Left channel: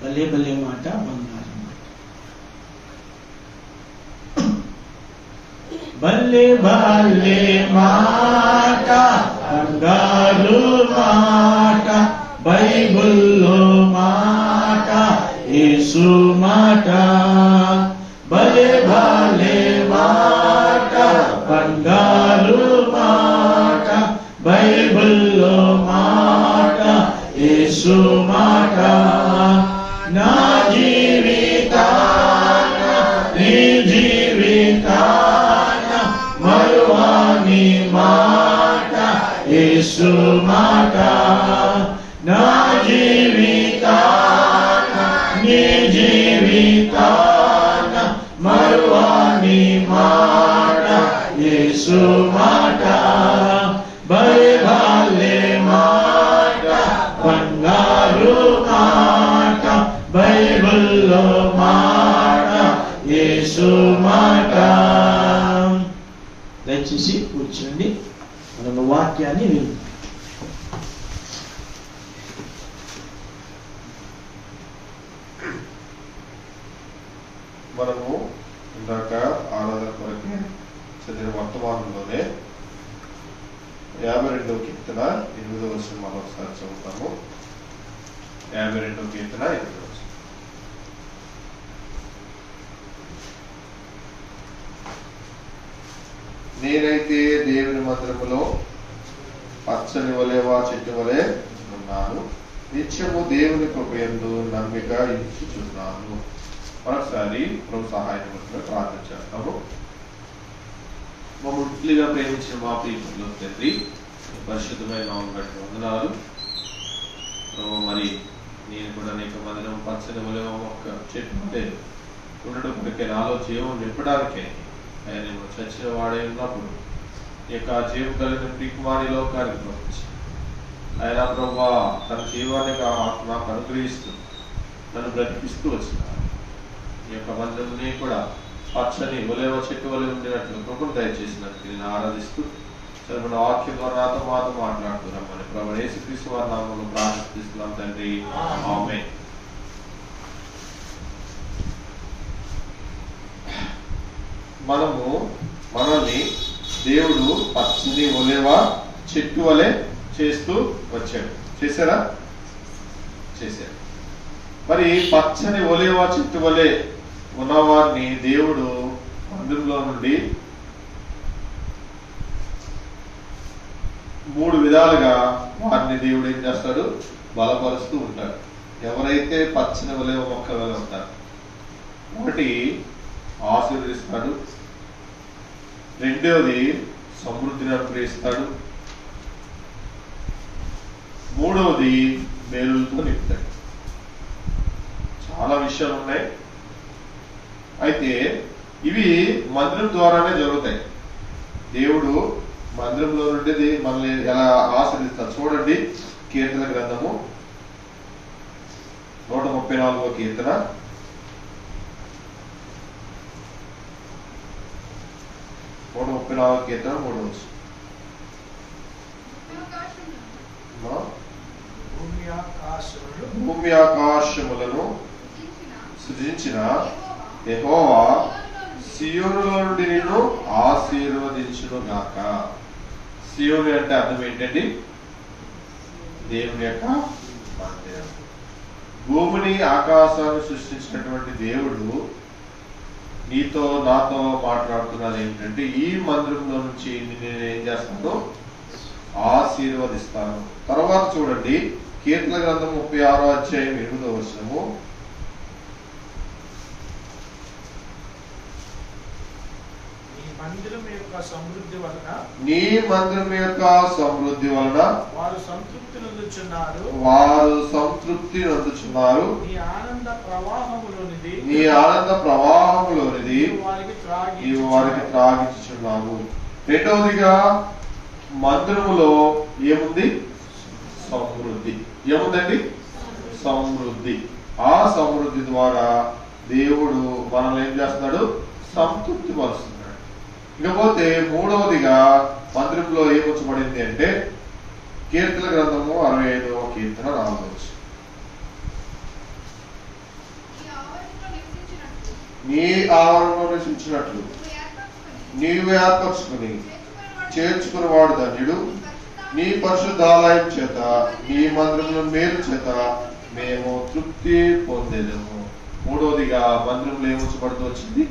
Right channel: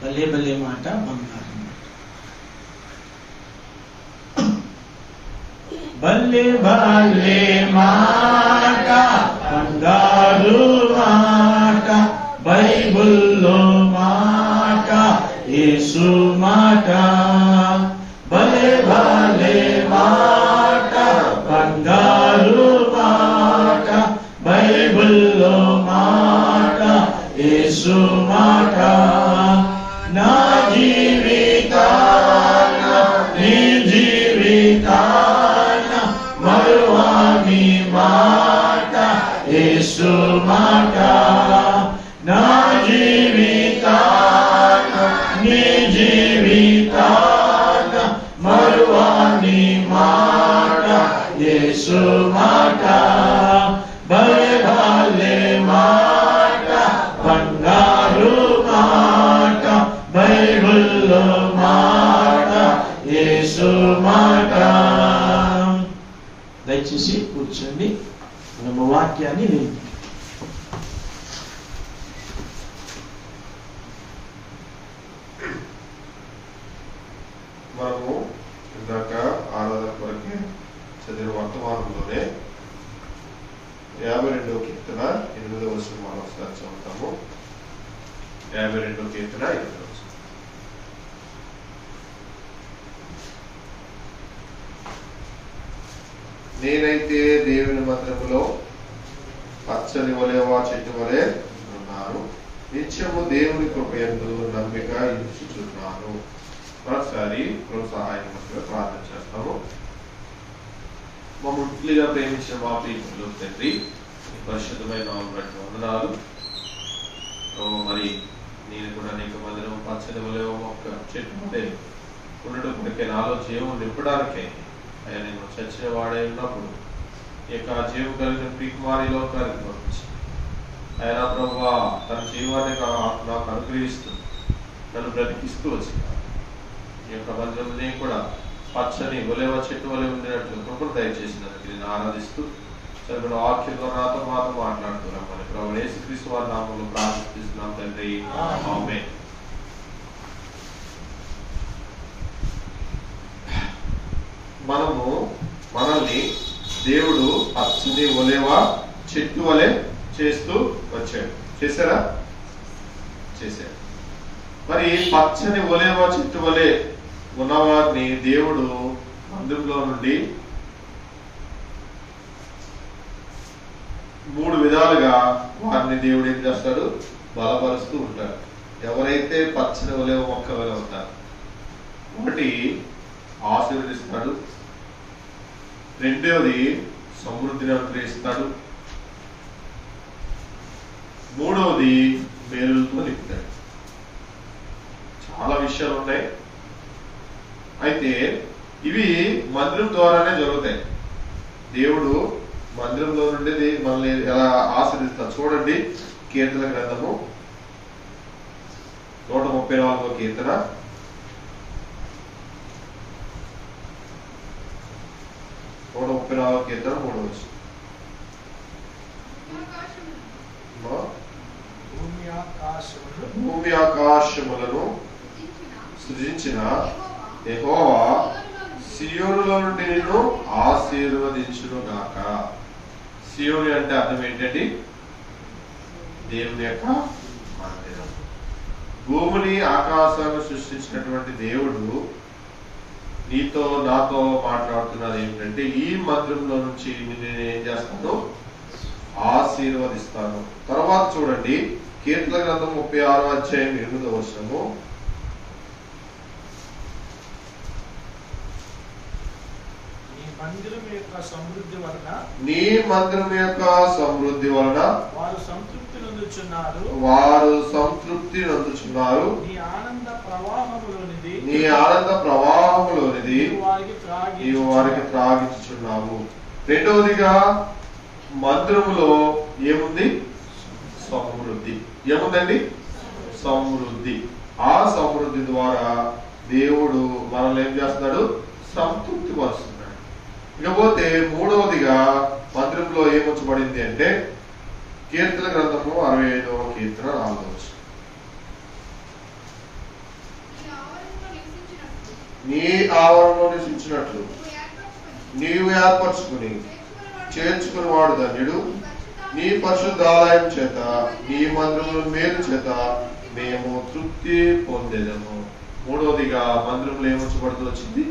భలే భలే మాట బంగారు మాట. భలే భలే మాట బంగారు మాట, బైబిల్లో మాట, యేసు మాట. భలే భలే మాట బంగారు మాట, బైబిల్లో మాట, యేసు మాట. నా జీవితాన నీ జీవితాన మరువాని మాట, యేసు మాట. నా జీవితాన నీ జీవితాన మరువాని మాట, యేసు మాట. భలే భలే మాట బంగారు మాట, బైబిల్లో మాట, యేసు మాట. దయచేసి కూర్చోండి, మనం వాక్యాన్ని విని. మనము ఇందాక ఆరాధన వరకే చదివిన వర్తమానంలోనే 52వ కీర్తన 8వ వచనం మనం ఒకసారి చదువుతాము. 52వ కీర్తన 8వ వచనం. నేనైతే దేవుని మందిరములో పచ్చని వలెవా చెట్టు వలె ఉన్నాను, నిత్యము దేవుని కృపయందు నమ్మిక ఇచ్చుచున్నాను. మరొకసారి ప్రభు సహాయం ప్రార్థన చేస్తాము. మమ్మల్నిగా ప్రేమించిన మా ప్రియకులు తండ్రి, పరిశుద్ధమైన నామమున బట్టి వందనాలు. మరి నేను కూడా నీకు మందిరం పచ్చని వలెవా మొక్క చెట్టు వలె ఉండడం కొరకే, నాలో జీవం నింపడానికే ఆయన చచ్చిన వాడే ఉన్నప్పుడు ఈ యొక్క జీవం కలిగిన ప్రియకుమారి లోకానికి పంపించి ఆయన ప్రభా తన జీవాన్ని నాకు అనుగ్రహిస్తూ నన్ను బ్రతికిస్తూ వచ్చిన ఈ యొక్క మందిరం కూడా పచ్చని ఒలేవ చెట్టు వలె ఉండేటట్లు కృపను దయచేసినందుకు నేను ఆరాధిస్తూ చదువుకున్న వాక్యంలో నాతో మాతో మాట్లాడుతున్నాం. మరి ప్రభు యేసుక్రీస్తు వారి నామములో ప్రార్థిస్తున్నాం తండ్రి, ఆమేన్. మనల్ని దేవుడు పచ్చని ఒలేవ చెట్టు వలె చేస్తూ వచ్చాడు. చేశారా? చేశాడు. మరి పచ్చని ఒలేవ చెట్టు వలె ఉన్నవారిని దేవుడు మందిరంలో నుండి 3 విధాలుగా వారిని దేవుడు ఏం చేస్తాడు? బలపరుస్తూ ఉంటాడు. ఎవరైతే పచ్చని ఒలేవ మొక్క వలె ఉంటారు, ఒకటి ఆశీర్వదిస్తాడు, రెండవది సమృద్ధిని అనుగ్రహిస్తాడు, మూడవది మేలులతో నింపుతాడు. చాలా విషయాలు ఉన్నాయి. అయితే ఇవి మందిరం ద్వారానే జరుగుతాయి. దేవుడు మందిరంలో నుండి మనల్ని ఎలా ఆశీర్వదిస్తాడు చూడండి. కీర్తన గ్రంథము 134వ కీర్తన 134వ కీర్తన 3వ వచనం. భూమి ఆకాశములను సృజించిన యెహోవా సియోనులో నుండి నిన్ను ఆశీర్వదించును గాక. సియోను అంటే అర్థం ఏంటండి? దేవుని యొక్క మందిరం. భూమిని ఆకాశాన్ని సృష్టించినటువంటి దేవుడు నీతో నాతో మాట్లాడుతున్నది ఏంటంటే, ఈ మందిరంలో నుంచి నేను ఏం చేస్తాను? ఆశీర్వదిస్తాను. తర్వాత చూడండి, కీర్తన గ్రంథం 36వ అధ్యాయం 8వ వచనము. నీ మందిరం యొక్క సమృద్ధి వలన వారు సంతృప్తి నందుచున్నారు. నీ ఆనంద ప్రవాహములోనిది నీవు వారికి త్రాగించుచున్నావు. రెండవదిగా మందిరములో ఏముంది? సమృద్ధి. ఏముందండి? సమృద్ధి. ఆ సమృద్ధి ద్వారా దేవుడు మనల్ని ఏం చేస్తున్నాడు? సంతృప్తి పరుస్తున్నాడు. ఇకపోతే మూడవదిగా మందిరంలో ఏమొచ్చబడింది అంటే, కీర్తన గ్రంథము 65వ కీర్తన 4వ వచనం. నీ ఆవరణలో నివసించినట్లు నీవు ఏర్పరచుకుని చేర్చుకుని వాడు ధన్యుడు. నీ పరిశుద్ధాలయం చేత నీ మందిరముల మేలు చేత మేము తృప్తి పొందేదము. మూడవదిగా మందిరంలో ఏముంచబడుతూ వచ్చింది?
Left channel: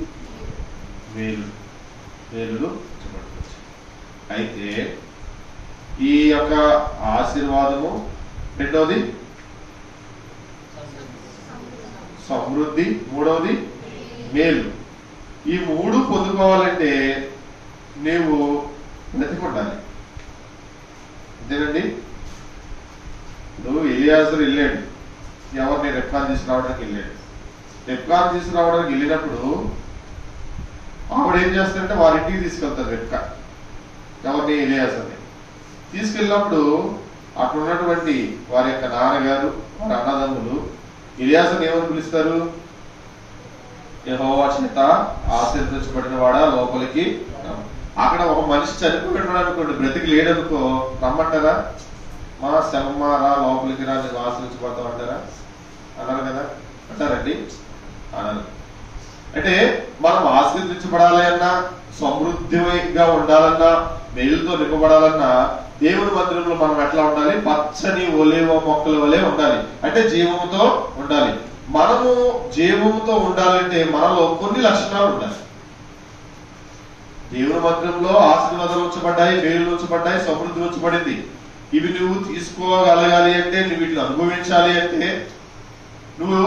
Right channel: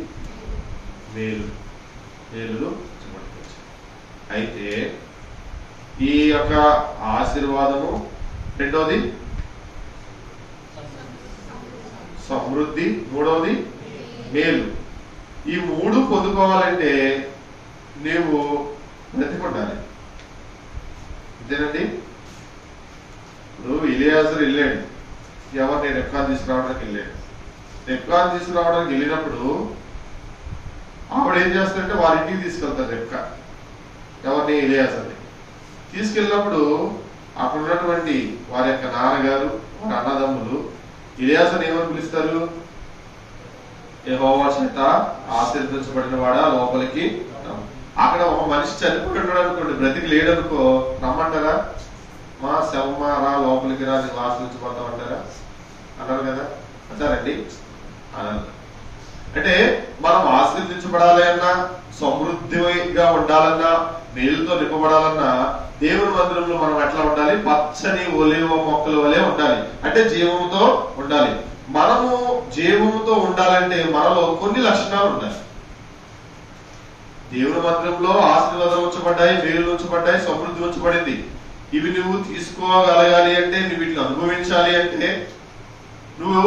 మేలులు ఉంచబడుతూ వచ్చింది. అయితే ఈ యొక్క ఆశీర్వాదము, రెండవది సమృద్ధి, మూడవది మేలు. ఈ మూడు పొందుకోవాలంటే నీవు బ్రతికుండాలి. అంతేనండి. నువ్వు ఎలియాజరు వెళ్ళాడు, ఎవరిని రెప్కాన్ తీసుకురావడానికి వెళ్ళాడు. రెప్కాన్ తీసుకురావడానికి వెళ్ళినప్పుడు ఆవిడ ఏం చేస్తారంటే వారింటికి తీసుకెళ్తారు. రెప్కా ఎవరిని? ఎలియాజర్ని తీసుకెళ్ళినప్పుడు అక్కడ ఉన్నటువంటి వారి యొక్క నాన్నగారు, వారి అన్నదమ్ములు ఎలియాజర్ని ఏమని పిలుస్తారు? యెహోవా చేత ఆశీర్వదించబడిన వాడా లోపలికి. అక్కడ ఒక మనిషి చనిపోయాడు అనుకోండి, బ్రతికి లేడనుకో, రమ్మంటారా? మా శవమా రా, లోపలికి రా, నేను ఆశ్రయించిపోతావు అంటారా? అన్నారు కదా, అంటారండి? అన్నారు. అంటే మనం ఆశీర్వదించబడాలి అన్నా, సమృద్ధిగా ఉండాలన్నా, మేలుతో నింపబడాలన్నా దేవుని మందిరంలో మనం ఎట్లా ఉండాలి? పచ్చని ఒలీవ మొక్కల వలె ఉండాలి. అంటే జీవముతో ఉండాలి. మనము జీవముతో ఉండాలంటే మనలో కొన్ని లక్షణాలు ఉండాలి. దేవుని మందిరంలో ఆశీర్వాదాలు ఉంచబడ్డాయి, మేలు ఉంచబడ్డాయి, సమృద్ధి ఉంచబడింది. ఇవి నువ్వు తీసుకోగలగాలి అంటే, నువ్వు వీటిని అనుభవించాలి అంటే నువ్వు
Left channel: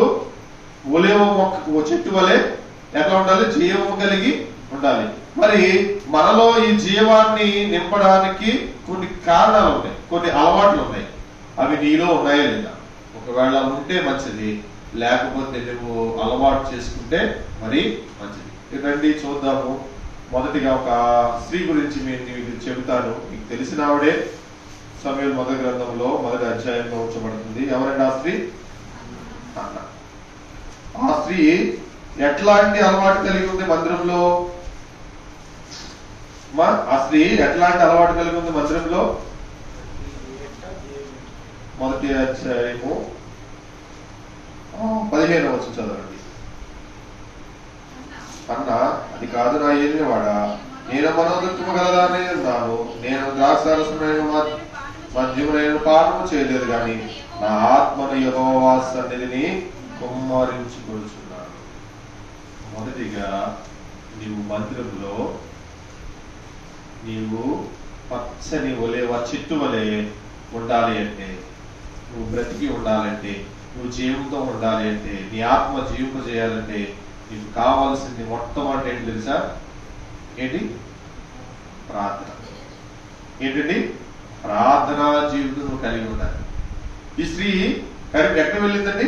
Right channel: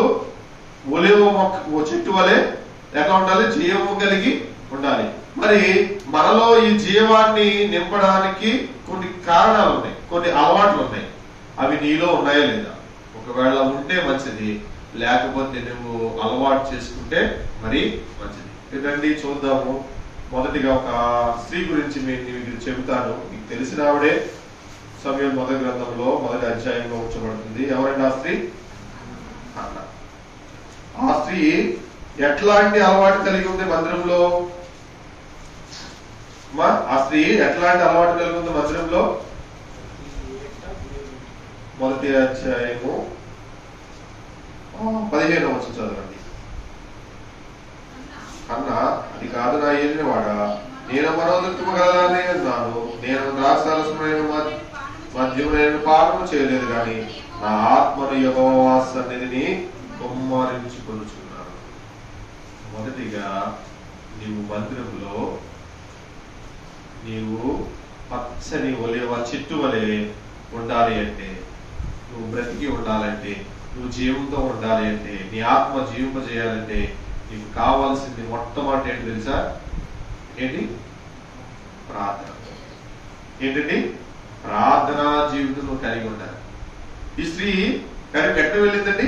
ఒలీవ మొక్క చెట్టు వలె ఎట్లా ఉండాలి? జీవము కలిగి ఉండాలి. మరి మనలో ఈ జీవాన్ని నింపడానికి కొన్ని కారణాలు ఉన్నాయి, కొన్ని అలవాట్లు ఉన్నాయి. అవి నీలో ఉన్నాయా లేదా? ఒకవేళ ఉంటే మంచిది, లేకపోతే నువ్వు అలవాటు చేసుకుంటే మరి మంచిది. రండి చూద్దాము. మొదటిగా ఒక స్త్రీ గురించి మీకు చెబుతాను. మీకు తెలిసిన ఆవిడే. సమూయేలు మొదటి గ్రంథంలో మొదటి అధ్యాయంలో ఉంచబడుతుంది. ఎవరండి ఆ స్త్రీ? అన్న. ఆ స్త్రీ ఎట్లాంటి అలవాటు కలిగి ఉంది మందిరంలో? ఆ స్త్రీ ఎట్లాంటి అలవాటు కలిగి ఉంది మందిరంలో? మొదటి అధ్యాయము 15వ వచనం చదవండి. అన్న, అది కాదు నా ఏలినవాడా, నేను మనోదత్వము గలదానే ఉన్నాను. నేను ద్రాక్షారసమైన మద్యమునైన పానము చేయలేదు, కానీ నా ఆత్మను యెహోవా సన్నిధిని కుమ్మరించుకొనుచున్నాను. మొదటిగా నీవు మందిరంలో నీవు పచ్చని ఒలీవ చెట్టు వలె ఉండాలి అంటే, నువ్వు బ్రతికి ఉండాలంటే, నువ్వు జీవంతో ఉండాలి అంటే, నీ ఆత్మ జీవింపజేయాలంటే నీకు కావాల్సింది మొట్టమొదటి ఏంటి తెలుసా? ఏంటి? ప్రార్థన. ఏంటండి? ప్రార్థనా జీవితం నువ్వు కలిగి ఉండాలి. ఈ స్త్రీ కానీ ఎక్కడ వెళ్ళిందండి?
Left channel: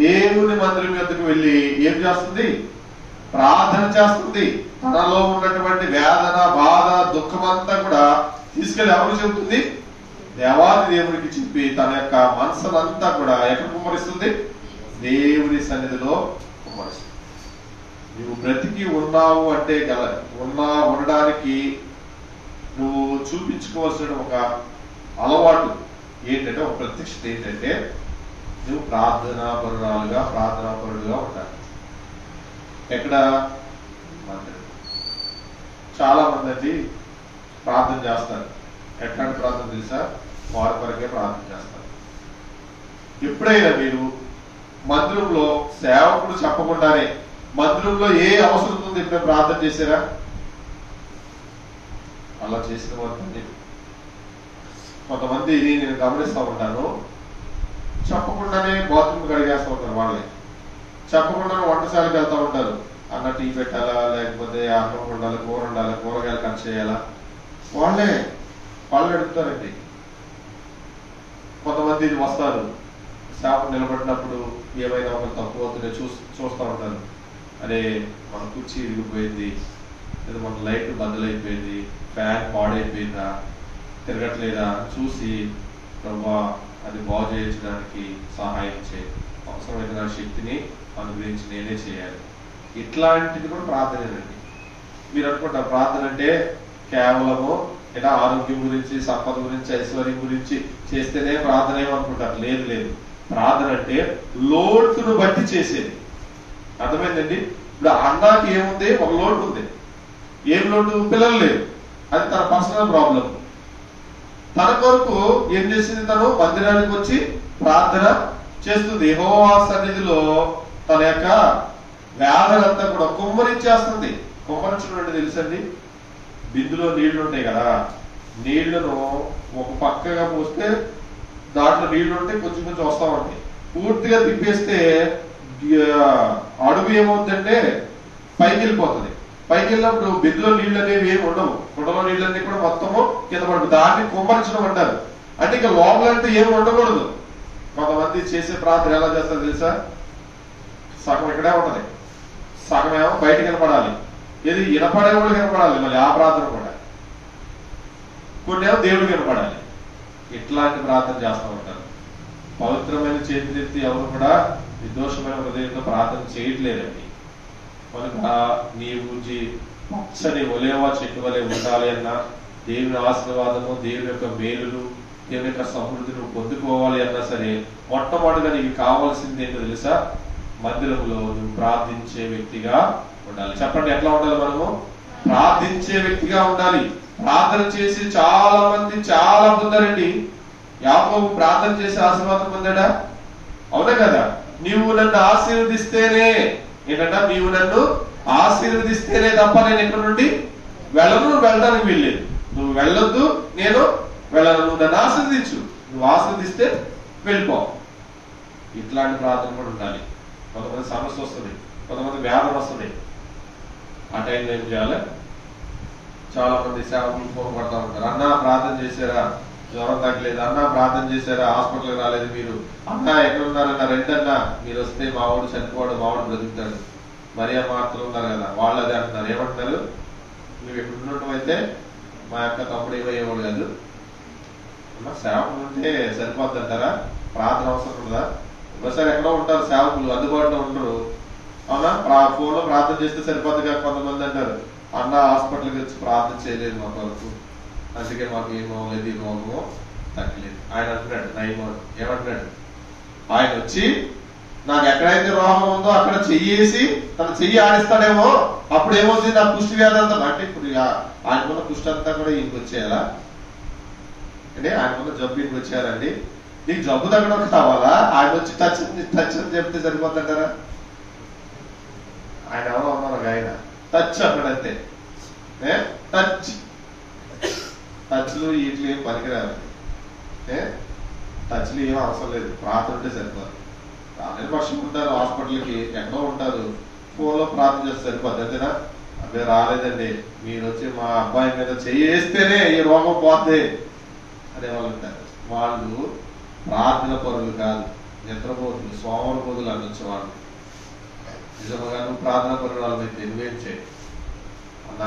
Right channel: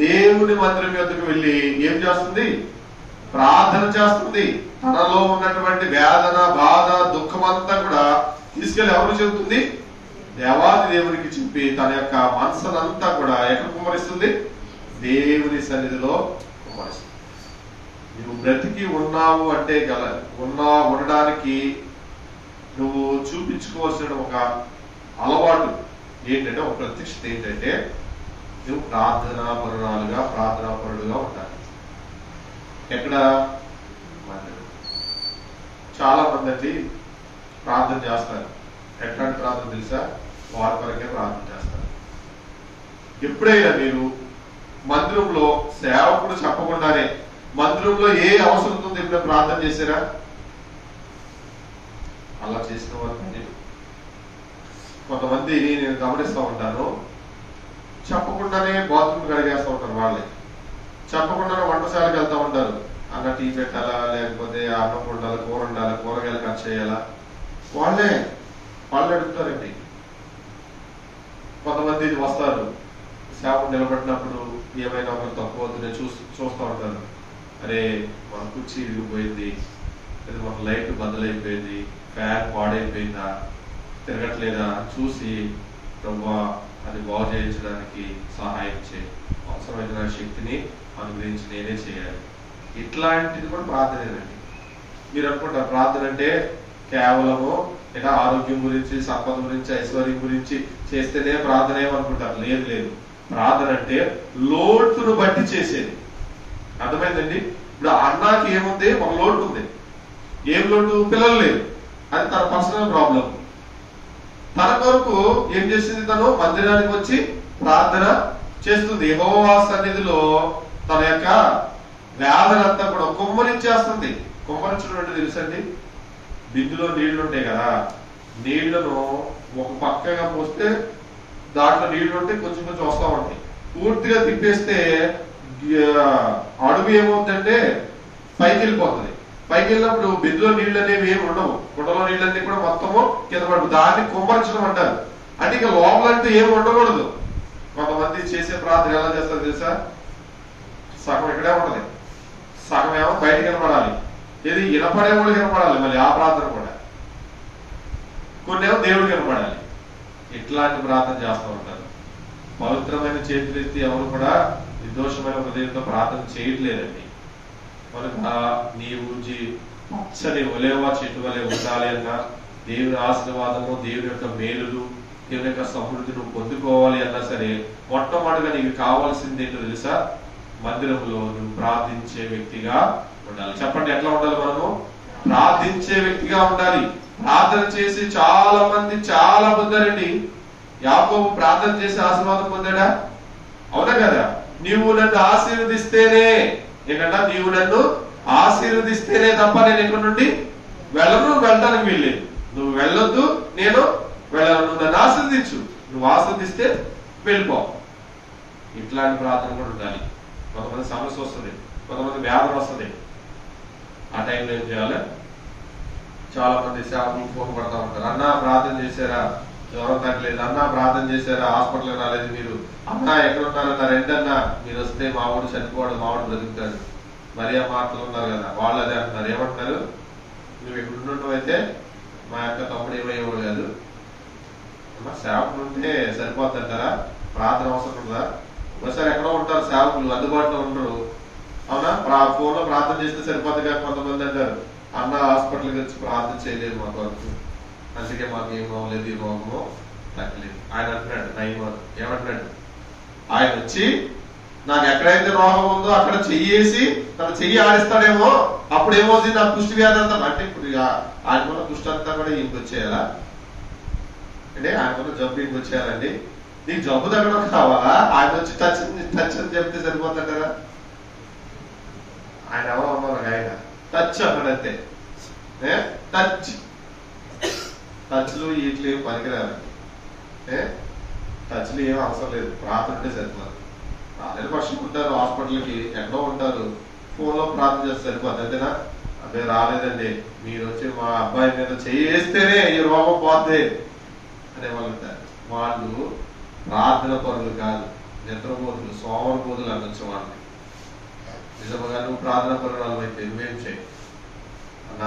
దేవుని మందిరం యొద్దకు వెళ్ళి ఏం చేస్తుంది? ప్రార్థన చేస్తుంది. తనలో ఉన్నటువంటి వేదన, బాధ, దుఃఖం అంతా కూడా తీసుకెళ్లి ఎవరు చెబుతుంది? దేవాది దేవునికి చెప్పి తన యొక్క మనసునంతా కూడా ఎక్కడ కుమ్మరిస్తుంది? దేవుని సన్నిధిలో కుమ్మరిస్తుంది. నువ్వు బ్రతికి ఉన్నావు అంటే ఉండడానికి నువ్వు చూపించుకోవాల్సిన ఒక అలవాటు ఏంటంటే, ఒక ప్రత్యక్షత ఏంటంటే, నువ్వు ప్రార్థనా పరుడుగా ఉండాలి. ఎక్కడ? చాలా మంది అండి ప్రార్థన చేస్తారు. ఎట్లాంటి ప్రార్థన తెలుసా? వారి కొరకే ప్రార్థన చేస్తారు. ఎప్పుడైనా మీరు మందిరంలో సేవకుడు చెప్పకుండానే మందిరంలో ఏ అవసరం ఉందో ఎప్పుడైనా ప్రార్థన చేశారా? అలా చేసిన వారు కొంతమంది నేను గమనిస్తూ ఉంటాను, చెప్పకుండానే బాత్రూమ్ కడిగేస్తూ ఉంటారు. వాళ్ళే చెప్పకుండానే వంటశాలకు వెళ్తూ ఉంటారు. అన్న టీ పెట్టాలా, లేకపోతే అన్నం ఉండాలి, కూర ఉండాలి, కూరగాయలు కట్ చేయాలా, వాళ్ళే వాళ్ళు అడుగుతారండి. కొంతమంది వస్తారు, సేవకు నిలబడినప్పుడు ఏమైనా ఒకరు తక్కువ అవుతుంటే చూస్తూ ఉంటారు. అరే, మన కుర్చీ ఇరిగిపోయింది, లేదా మన లైట్ బద్దలైపోయింది, ఫ్యాన్ పాడైపోయిందా, తిరగట్లేదా చూసి, ప్రభా అది బాగు చేయించడానికి సహాయం చేయి, అవసరమైన శక్తిని అనుగ్రహించి నేనే చేయాలి. ఇట్లాంటిది కూడా ప్రార్థనేనండి. మీరు అనుకుంటారు ప్రార్థన అంటే కేవలము ఏదో ఆరోగ్యం గురించి, సంపద గురించి, ఐశ్వర్యం గురించి చేస్తేనే ప్రార్థన ఏమనుకుంటారు. లేదు. ప్రార్థన అంటే లోటును బట్టి చేసేది. అర్థమైందండి? ఇప్పుడు అన్నకి ఏముంది, ఒక లోటు ఉంది. ఏం లోటు? పిల్లలు లేరు. అది తన పర్సనల్ ప్రాబ్లం. తన కొరకు ఏం చేసింది? తను మందిరానికి వచ్చి ప్రార్థన చేస్తుంది. యెహోవా సన్నిధిలో తన యొక్క వ్యాధులంతా కూడా కుమ్మరించేస్తుంది. కుమ్మరించడం అంటే తెలుసండి, బిందులో నీళ్లు ఉంటాయి కదా, నీళ్లను ఒక పక్కగా పోస్తే దాంట్లో నీళ్లు ఉంటే కొంచెం కొంచెం వస్తా ఉంటాయి. పూర్తిగా తిప్పేస్తే అడుగు ఏమవుతుందంటే పైకి వెళ్ళిపోతుంది. పైకి వెళ్ళినప్పుడు బిందులో నీళ్ళు అనేవి ఏమి ఉండవు. కుండలో నీళ్ళన్నీ కూడా మొత్తము కింద పడుతుంది. దాన్ని కుమ్మరించడం అంటారు. అంటే ఇక లోపలంటే ఏమి ఉండకూడదు. కొంతమంది చేసే ప్రార్థన ఎలా చేస్తారు తెలుసా? సగం ఇక్కడే ఉంటది, సగం ఏమో బయటకు వినపడాలి. ఇది వినపడే వాళ్ళు వినపడాలి, మళ్ళీ ఆ ప్రార్థన కూడా. కొన్ని ఏమో దేవుడికి వినపడాలి. ఇట్లాంటి ప్రార్థన చేస్తూ ఉంటారు. పవిత్రమైన చేతులెత్తి ఎవరు కూడా నిర్దోషమైన హృదయంతో ప్రార్థన చేయట్లేదండి. కనుక నీ గురించి పచ్చని ఒలేవా చెట్టు వలె ఉండాలి అన్నా, దేవుని ఆశీర్వాదము, దేవుని యొక్క మేలులు, దేవుని యొక్క సమృద్ధి నువ్వు పొందుకోవాలి అన్నా సరే, మొట్టమొదటిగా నీకు కావాల్సింది ఏంటో తెలుసా? మందిరంలో నువ్వు ప్రార్థించే వ్యక్తిగా ఉండాలి. చెప్పండి, ఎట్లా ఉండాలి? మనము ప్రార్థించే వ్యక్తిగా ఉండాలి. ప్రార్థన చేసి చాలా మంది చాలా పొందారండి. యాకోబు ప్రార్థన చేసి ఆశీర్వాదం పొందాడా? అవునా కదా? నీవు నన్ను ఆశీర్వదిస్తేనే, ఏంటంట, నీవు నన్ను ఆశీర్వదిస్తేనే తప్ప నేను ఎక్కడి నుండి వెళ్ళను, వెళ్ళడానికి వీల్లేదు. నువ్వు వెళ్ళొద్దు, నేను వెళ్ళను. నువ్వు నన్ను ఆశీర్వదించు, నువ్వు ఆశీర్వదిస్తే వెళ్ళిపో. ఇట్లాంటి ప్రార్థన కూడా ఉండాలి. కొంతమంది సమస్య వస్తుంది, కొంతమంది వ్యాధులు వస్తుంది. ఆ టైంలో ఏం చేయాలి? చాలా మంది సేవకులు ఫోన్ పడతా ఉంటారు. అన్నా ప్రార్థన చేశారా? జ్వరం తగ్గలేదు. అన్నా ప్రార్థన చేశారా? హాస్పిటల్ రాలేదు మీరు. అన్నా ఎక్కడున్నారన్నా? రెండన్నా మీరు వస్తే మా వాడు చనిపోవడం, మా వాడు బ్రతుకుతాడు. మరియా మార్తలు ఉన్నారు కదా, వాళ్ళు అదే అంటున్నారు. ఏమంటారు? నువ్వు ఇక్కడ ఉండటం అయితే మా యొక్క తమ్ముడు ఏమయ్యేవాడు కాదు. సేవకులు ఉంటే సరిపోద్ది అంటారా? ప్రార్థన అవసరం ఉందా? ఒకసారి ఎక్కడో ఉంటారు సేవకులు, అందుబాటులో ఉండరు. అవునా? ఫోన్ లో ప్రార్థన చేస్తే సరిపోద్ది కాక కొంతమంది అంటారు, అన్న హాస్పిటల్కి వచ్చి ప్రార్థన చేయలేదు మాకు వరకు, అందుకే మాకు ఏం అవ్వలేదు, ఈ రోగము తగ్గలేదు. ఆయన అంటున్నాడు, నయమాడు ఏమంటున్నాడు? ఆయన వచ్చి నాకు ఎక్కడైతే రోగం ఉందో అక్కడ చెయ్యేసి తన చెయ్యి ఆడిస్తాడేమో, అప్పుడు ఏమవుతుంది? నా కుష్టి వ్యాధి అంతా. అంటే ఇప్పుడు ఆయనకున్న కుష్టి అంతా కూడా ఈయనకి వచ్చేయాలా? అంటే ఆయనకున్న జబ్బు ఈయనకి వచ్చేయాలండి. నీకు జబ్బు తగ్గడం కావాలా? ఆయన వచ్చి టచ్ అని చెప్తే సరిపోతాడా? ఆయన ఎవరో అన్నారు, ఆయన టచ్ అక్కడంతే. టచ్లు వీటిలో ఏం పనికిరాలి. టచ్లు ఏం అవసరం లేదు, ప్రార్థన ఉంటే సరిపోదు. రాలేని పక్షం ఉంటారు, హాస్పిటల్కి ఎక్కడో ఉంటారు, ఫోన్ లో ప్రార్థన చేస్తే సరిపోద్ది. అంతేనా? అదే రాలేదండి, మీరు వచ్చి మా అబ్బాయి మీద చేస్తేనే ఈ రోగం పోతే అనే వాళ్ళు ఉంటారు. వాళ్ళు ప్రార్థన పరులు కాదు, నిద్రపోతులు, సోమరపోతులు అనొచ్చు వాళ్ళు. నిజంగా నువ్వు ప్రార్థన పరులు అయితే నువ్వేం చేయి అన్న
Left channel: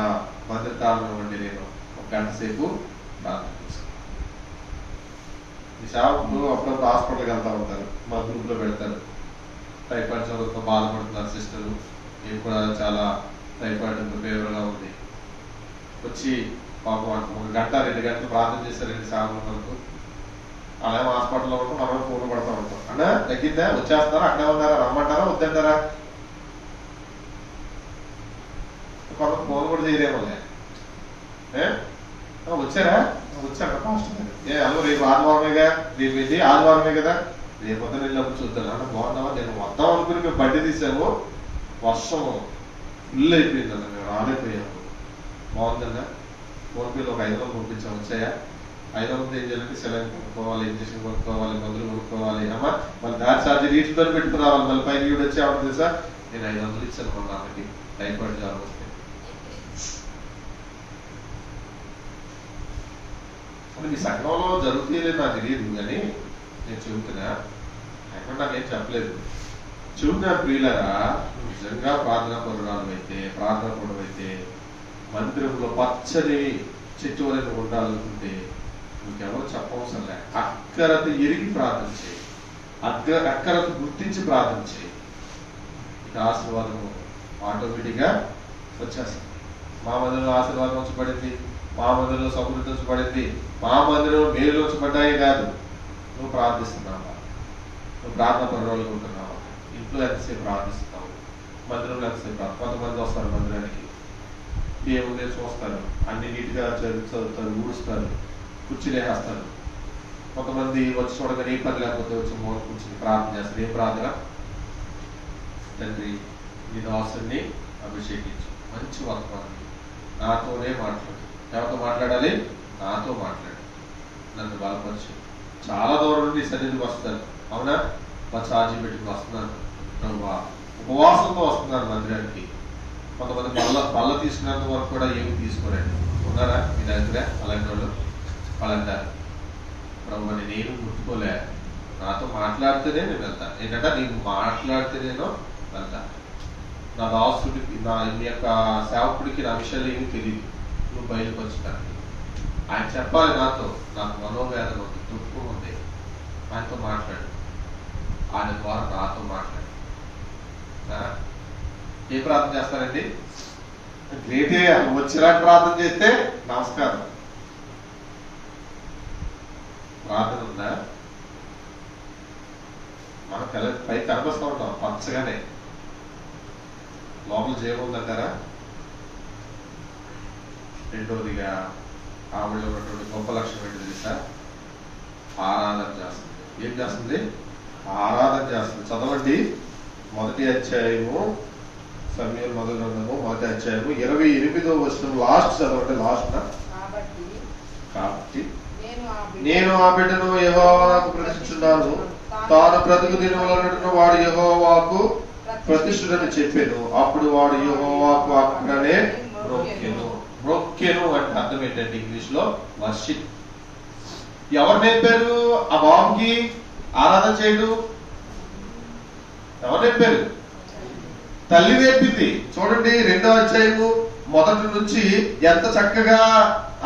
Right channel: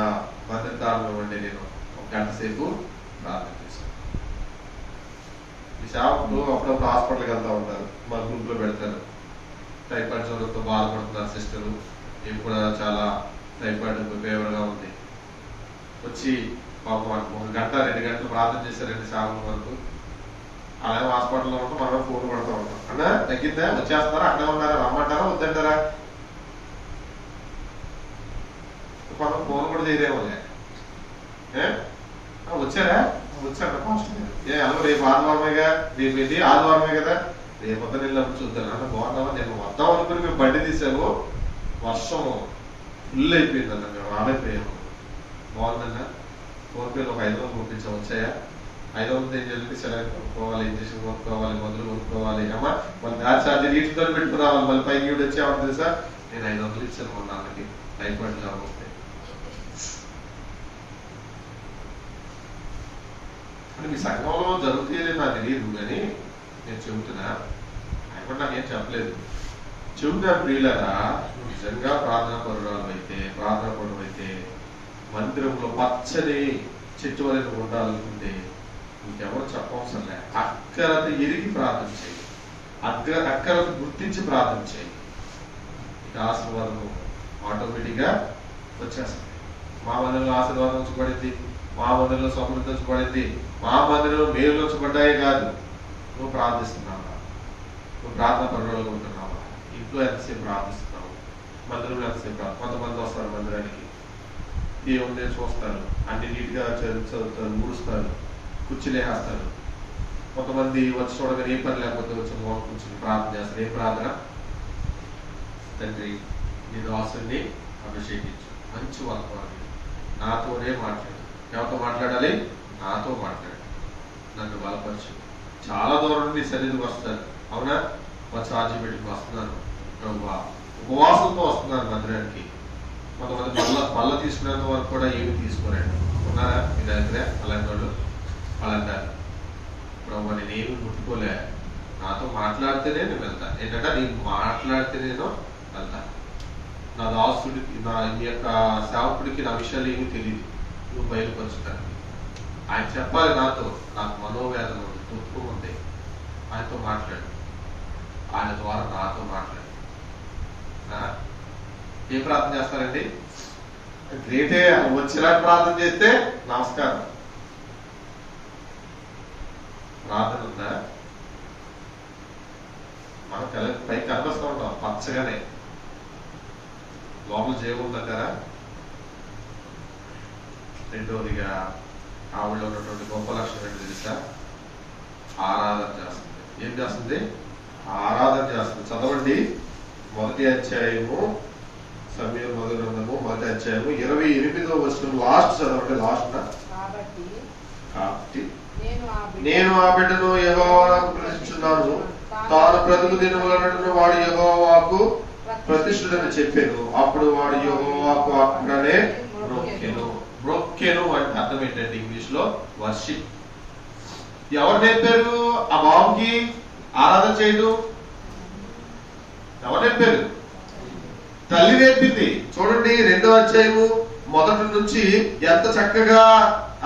భద్రతాలను ఇవ్వండి, నేను ఒక గంట సేపు ప్రార్థన చేస్తాను. ఈ సేవకులు అప్పుడప్పుడు హాస్పిటల్కి వెళ్తా ఉంటారు, మా గ్రూప్ లో పెడతారు. టైఫాయిడ్ జ్వరంతో బాధపడుతున్నారు సిస్టర్లు, నేను కూడా చాలా టైఫాయిడ్ ఫీవర్ గా ఉంది. వచ్చి పాపం ఒక గంట 2 గంటలు ప్రార్థన చేశారండి సేవకుల వరకు. అలాగే హాస్పిటల్లో ఉంటాం, మనం ఫోన్ పడుతూ ఉంటాం. అన్నా తగ్గిందా? వచ్చేస్తారా? అక్కడే ఉన్నారా? రమ్మంటారా? వద్దంటారా? మనం ఫోన్ కూడా చేయలేమో. వచ్చారా? వచ్చారా? ఫాస్ట్ అలా రేపు ఆదివారమేగా, రేపు వెళ్ళి ఆదివారమే కదా, రేపు పొద్దున వెళ్ళినప్పుడు చూద్దాం. అంటే బాగున్నావా? నేను వద్దాం అనుకుని మేము బండి తీసాము, వర్షం ఫుల్ అయిపోయిందన్న, మేము రాలేకపోయాము. బాగుందన్నా, ఫోన్ పేలో ఒక 500 పంపించాం. వచ్చాయా? 500 ఏం చేయాలంటే సెలైన్ కొనుక్కోవాలి, ఇంజక్షన్ కొనుక్కోవాలి, మందులు కొనుక్కోవాలి. అమ్మా మళ్ళీ గ్యాస్ ఛార్జీ నీటితో పెట్టుకుని రావాలి. మళ్ళీ పైకి కూడా వచ్చి ఆవిడ తెలుసా, నేను 500 ఇచ్చాను మొన్న ఆమెకి టైఫాయిడ్ జ్వరం వస్తే. అంటే మీ సంఘంలో జరుగుతుంది నాకు తెలియదు, కానీ నేను చెబుతున్నా. ఎక్కడ నాకేం చెప్పలేదు. చెబుతున్నా ప్రియులరా, నిజంగా ప్రార్థనా పరురాలు అయితే, ప్రార్థనా పరుడు అయితే, మందిరంలో పచ్చని చెట్టు వలె ఉండాలనుకుంటే నీకెవరు చెప్పవసరం లే. అక్కరత ఎరిగి ప్రార్థన చేయి, అక్కరత గుర్తించి ప్రార్థన చేయి. ఇక ఆశీర్వాదం ఆటోమేటిక్ గా వచ్చేస్తాం. మా మందిరంలో ఆశీర్వాదం వచ్చి మా మందిరంలో సమృద్ధి వచ్చి పడింది, మా మందిరంలో మేలు వచ్చి పడ్డాయి కాదు. నువ్వు ప్రార్థిస్తున్నావా? నువ్వు ప్రార్థన పరురాలు ఉంటున్నావా? ఇంట్లో ఎంతసేపు ప్రార్థిస్తున్నావు? మందిరంలో ఎంతసేపు రాదు. కొంతమంది వస్తారు మందిరానికి, ఏముందే చూస్తారు, అన్ని నీట్గా చదువుతారు, ఊడుస్తారు, కుర్చీలేస్తారు. కొంతమంది వచ్చి చూడగానే ఏ పని లేకపోతే వచ్చి మూల కూర్చొని ప్రార్థన చేస్తారు. ఏం ప్రార్థన? తండ్రి నీ దాసుని అభిషేకించు, మంచి వర్తమానం నాతోనే మాట్లాడు. ఎవరితో మాట్లాడాలి? నాతో మాట్లాడు, నన్ను బలపరచు. చాలా దూరం నుండి సన్నిధికి వస్తారు, అవునా? మా ఛార్జీ పెట్టుకు వస్తున్నాను ప్రభు, ఉపవాసంతో వస్తున్నాను మందిరానికి. కొంతమంది పళ్ళ తీసుకున్నంత వరకు కూడా ఏమి తీసుకోరండి. ఉన్నారా మీ దగ్గర అలాంటి వాళ్ళు? వాళ్ళంటారు, ప్రభు నేనేమి ముట్టుకోలే, నాతో మాట్లాడితేనే నేను వెళ్తా. ఏంటంటే నీకు మాట్లాడితే నేను వెళ్తా. నా దాసుడికి, నా ఈ యొక్క సేవకుడికి నా విషయాలు ఏమీ తెలియదు, నువ్వు బయలుపరుచుతాను. ఆయన చెప్పాలి నాతో, నాకు మనోవేదన ఉంది, దుఃఖం ఉంది, ఆయనతో మాట్లాడు, ఆయన ద్వారా నాతో మాట్లాడు. ఏ ప్రార్థన చేస్తారండి? గ్రేటే, వచ్చినట్టు ప్రార్థన చేస్తే నమస్కారం. ప్రార్థన ఉందా? మన పై కనిపిస్తూ ఉంటాం పచ్చగానే, లోపల జీవం ఉందంటారా? రెండోదిగా ఆవిడ ఉన్నటువంటి గొప్ప లక్షణం ఏంటి తెలుసా? ఆరాధన చేస్తుంది. ఏం చేస్తుంది? ఆరాధన చేస్తుంది. చదవండి, 1వ అధ్యాయము, సమయం మొదలున్నాము, 1వ అధ్యాయము 28వ వచనం లాస్ట్ చదవండి. లాస్ట్ కాబట్టి నేను ఆ బిడ్డను యెహోవాకు ప్రతిష్ఠించున్నాను, తాను బ్రతుకు దినములన్నట్టును వాడు యెహోవాకు ప్రతిష్ఠితని చెప్పాను. అప్పుడు వాడు యెహోవాకు అక్కడనే మ్రొక్కెను. మ్రొక్కెను అంటే అర్థం ఏంటంటే ఇంగ్లీష్ లో వర్షిప్. ఎవరు నేర్పారు ఆ బాబుకి ఆరాధన చేయడం? ఎవరు నేర్పారు? తల్లి నేర్పింది. చూడండి 2వ అధ్యాయము మొదటి నుంచి ఎంత చక్కగా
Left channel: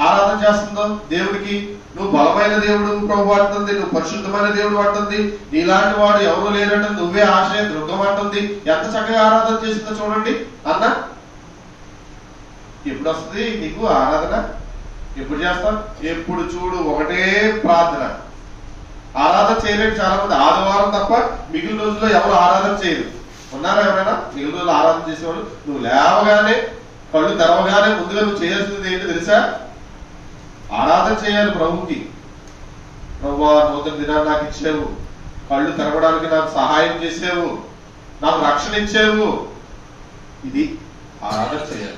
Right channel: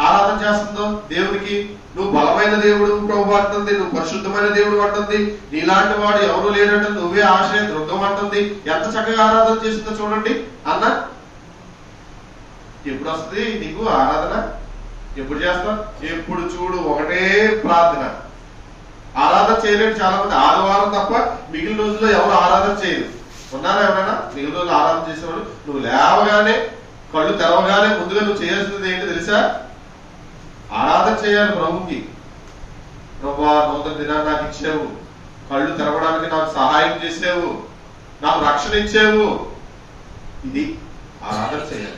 ఆరాధన చేస్తుందో దేవుడికి. నువ్వు బలమైన దేవుడు ప్రభు అంటుంది, నువ్వు పరిశుద్ధమైన దేవుడు అంటుంది, నీలాంటి వాడు ఎవరు లేనంటుంది, నువ్వే ఆశ్రయ దుర్గం అంటుంది. ఎంత చక్కగా ఆరాధన చేస్తుందో చూడండి. అన్న ఎప్పుడు వస్తుంది నీకు ఆరాధన? ఎప్పుడు చేస్తాం? ఎప్పుడు చూడు ఒకటే ప్రార్థన. ఆరాధన చేయలేడు చాలా మంది. ఆదివారం తప్ప మిగిలిన రోజుల్లో ఎవరు ఆరాధన చేయరు. ఉన్నారా ఎవరైనా మిగిలిన రోజులు ఆరాధన చేసేవాడు? నువ్వు లేవగానే, కళ్ళు తెరవగానే ముందుగా నువ్వు చేయాల్సింది ఏంటి తెలుసా? ఆరాధన చేయాలి ప్రభుకి. ప్రభువా, నూతన దినాన్ని నాకు ఇచ్చావు, కళ్ళు తెరవడానికి నాకు సహాయం చేసావు, నాకు రక్షణ ఇచ్చావు. ఇది ఆరాధన చేయాలి.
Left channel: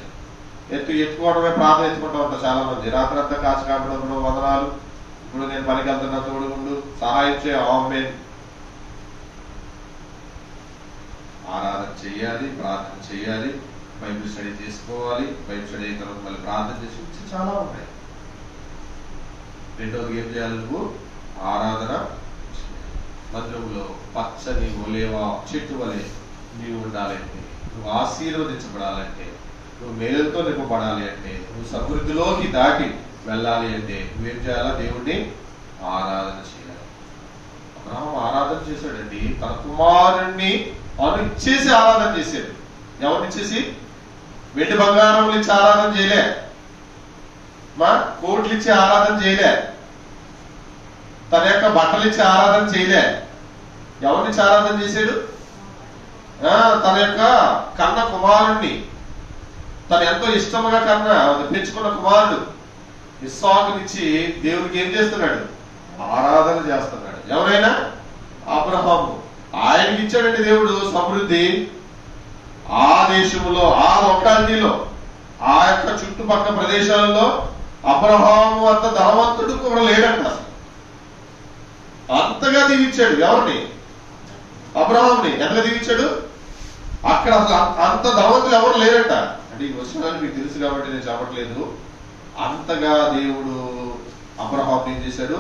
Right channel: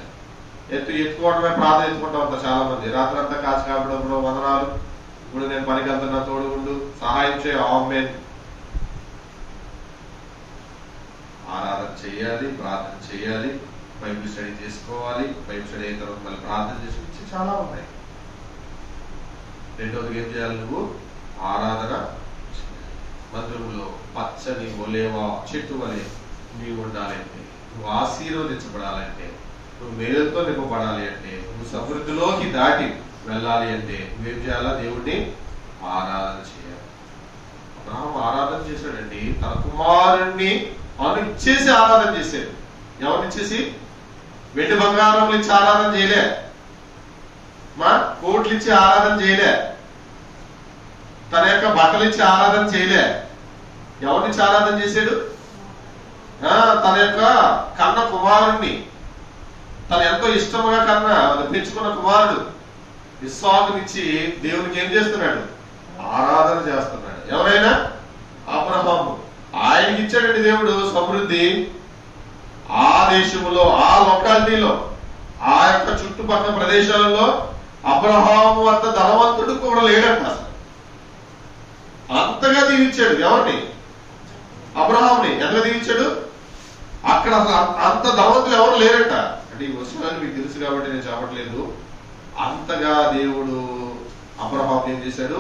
ఎత్తుకోవడమే ప్రార్థన ఎత్తుకుంటా ఉంటారు చాలా మంది. రాత్రి అంతా కాచి కాపడం, వందనాలు, ఇప్పుడు నేను పనికి వెళ్తున్నా, తోడుగుండు, సహాయం చేయ. ఆమేన్. ఆరాధన చేయాలి, ప్రార్థన చేయాలి, బైబిల్ స్టడీ చేసుకోవాలి. బైబిల్ స్టడీ అయిన తర్వాత మళ్ళీ ప్రార్థన చేసి చాలా ఉన్నాయి. రెండోది ఏం చేయాలి? నువ్వు ఆరాధన మందిరంలో పచ్చని ఒలేవా చెట్టు వలె నీవు ఉండాలంటే, నువ్వు ఆశీర్వదించబడాలంటే, నువ్వు మేలుతో నింపబడాలి అంటే, నువ్వు సమృద్ధిలోకి దాటి వెళ్ళాలి అంటే నువ్వేం చేయాలా? దేవుణ్ణి ఆరాధన చేయాలి. అబ్రహాము ఆరాధన చేశాడండి. తన కుమారుణ్ణి ఇచ్చేసి ఆరాధన చేశాడు. ఎవరినిచ్చేసి? వెండి బంగారం ఇచ్చి ఆరాధన చేయలే, మా కోట్లు ఇచ్చి ఆరాధన చేయలే, తన యొక్క బట్టలు ఇచ్చి ఆరాధన చేయలే. ఎవరినిచ్చి ఆరాధన చేశాడు? తన యొక్క కన్న కుమారుణ్ణి, తను ఎంతో ఇష్టముగా పెంచుకున్న కుమారుడు ఇస్సాకునిచ్చి దేవునికి ఏం చేస్తున్నాడు? ఆరాధన చేస్తున్నాడు. ఎవరైనా? అబ్రహాము. ఆయనకి ఇచ్చాడండి దేవుడు సమృద్ధి. ఆ దేశంలో, ఆ లొకాలిటీలో, ఆ యొక్క చుట్టుపక్కల ప్రదేశాలలో అబ్రహాము అంత ధనవంతుడు కూడా లేడంట. అంతగా దీవించాడు. ఎవరిని? అబ్రహాముని. ఎంతగా దీవించాడు? అక్కడ అసలు అంత ధనవంతులు ఎవరు లేరంట. అంటే ఈ విషయాలు మీకు తెలుసు కాబట్టి నేను చెప్పట్లేదు. అంతగా దేవుడు అబ్రహాం ఏం చేశాడు?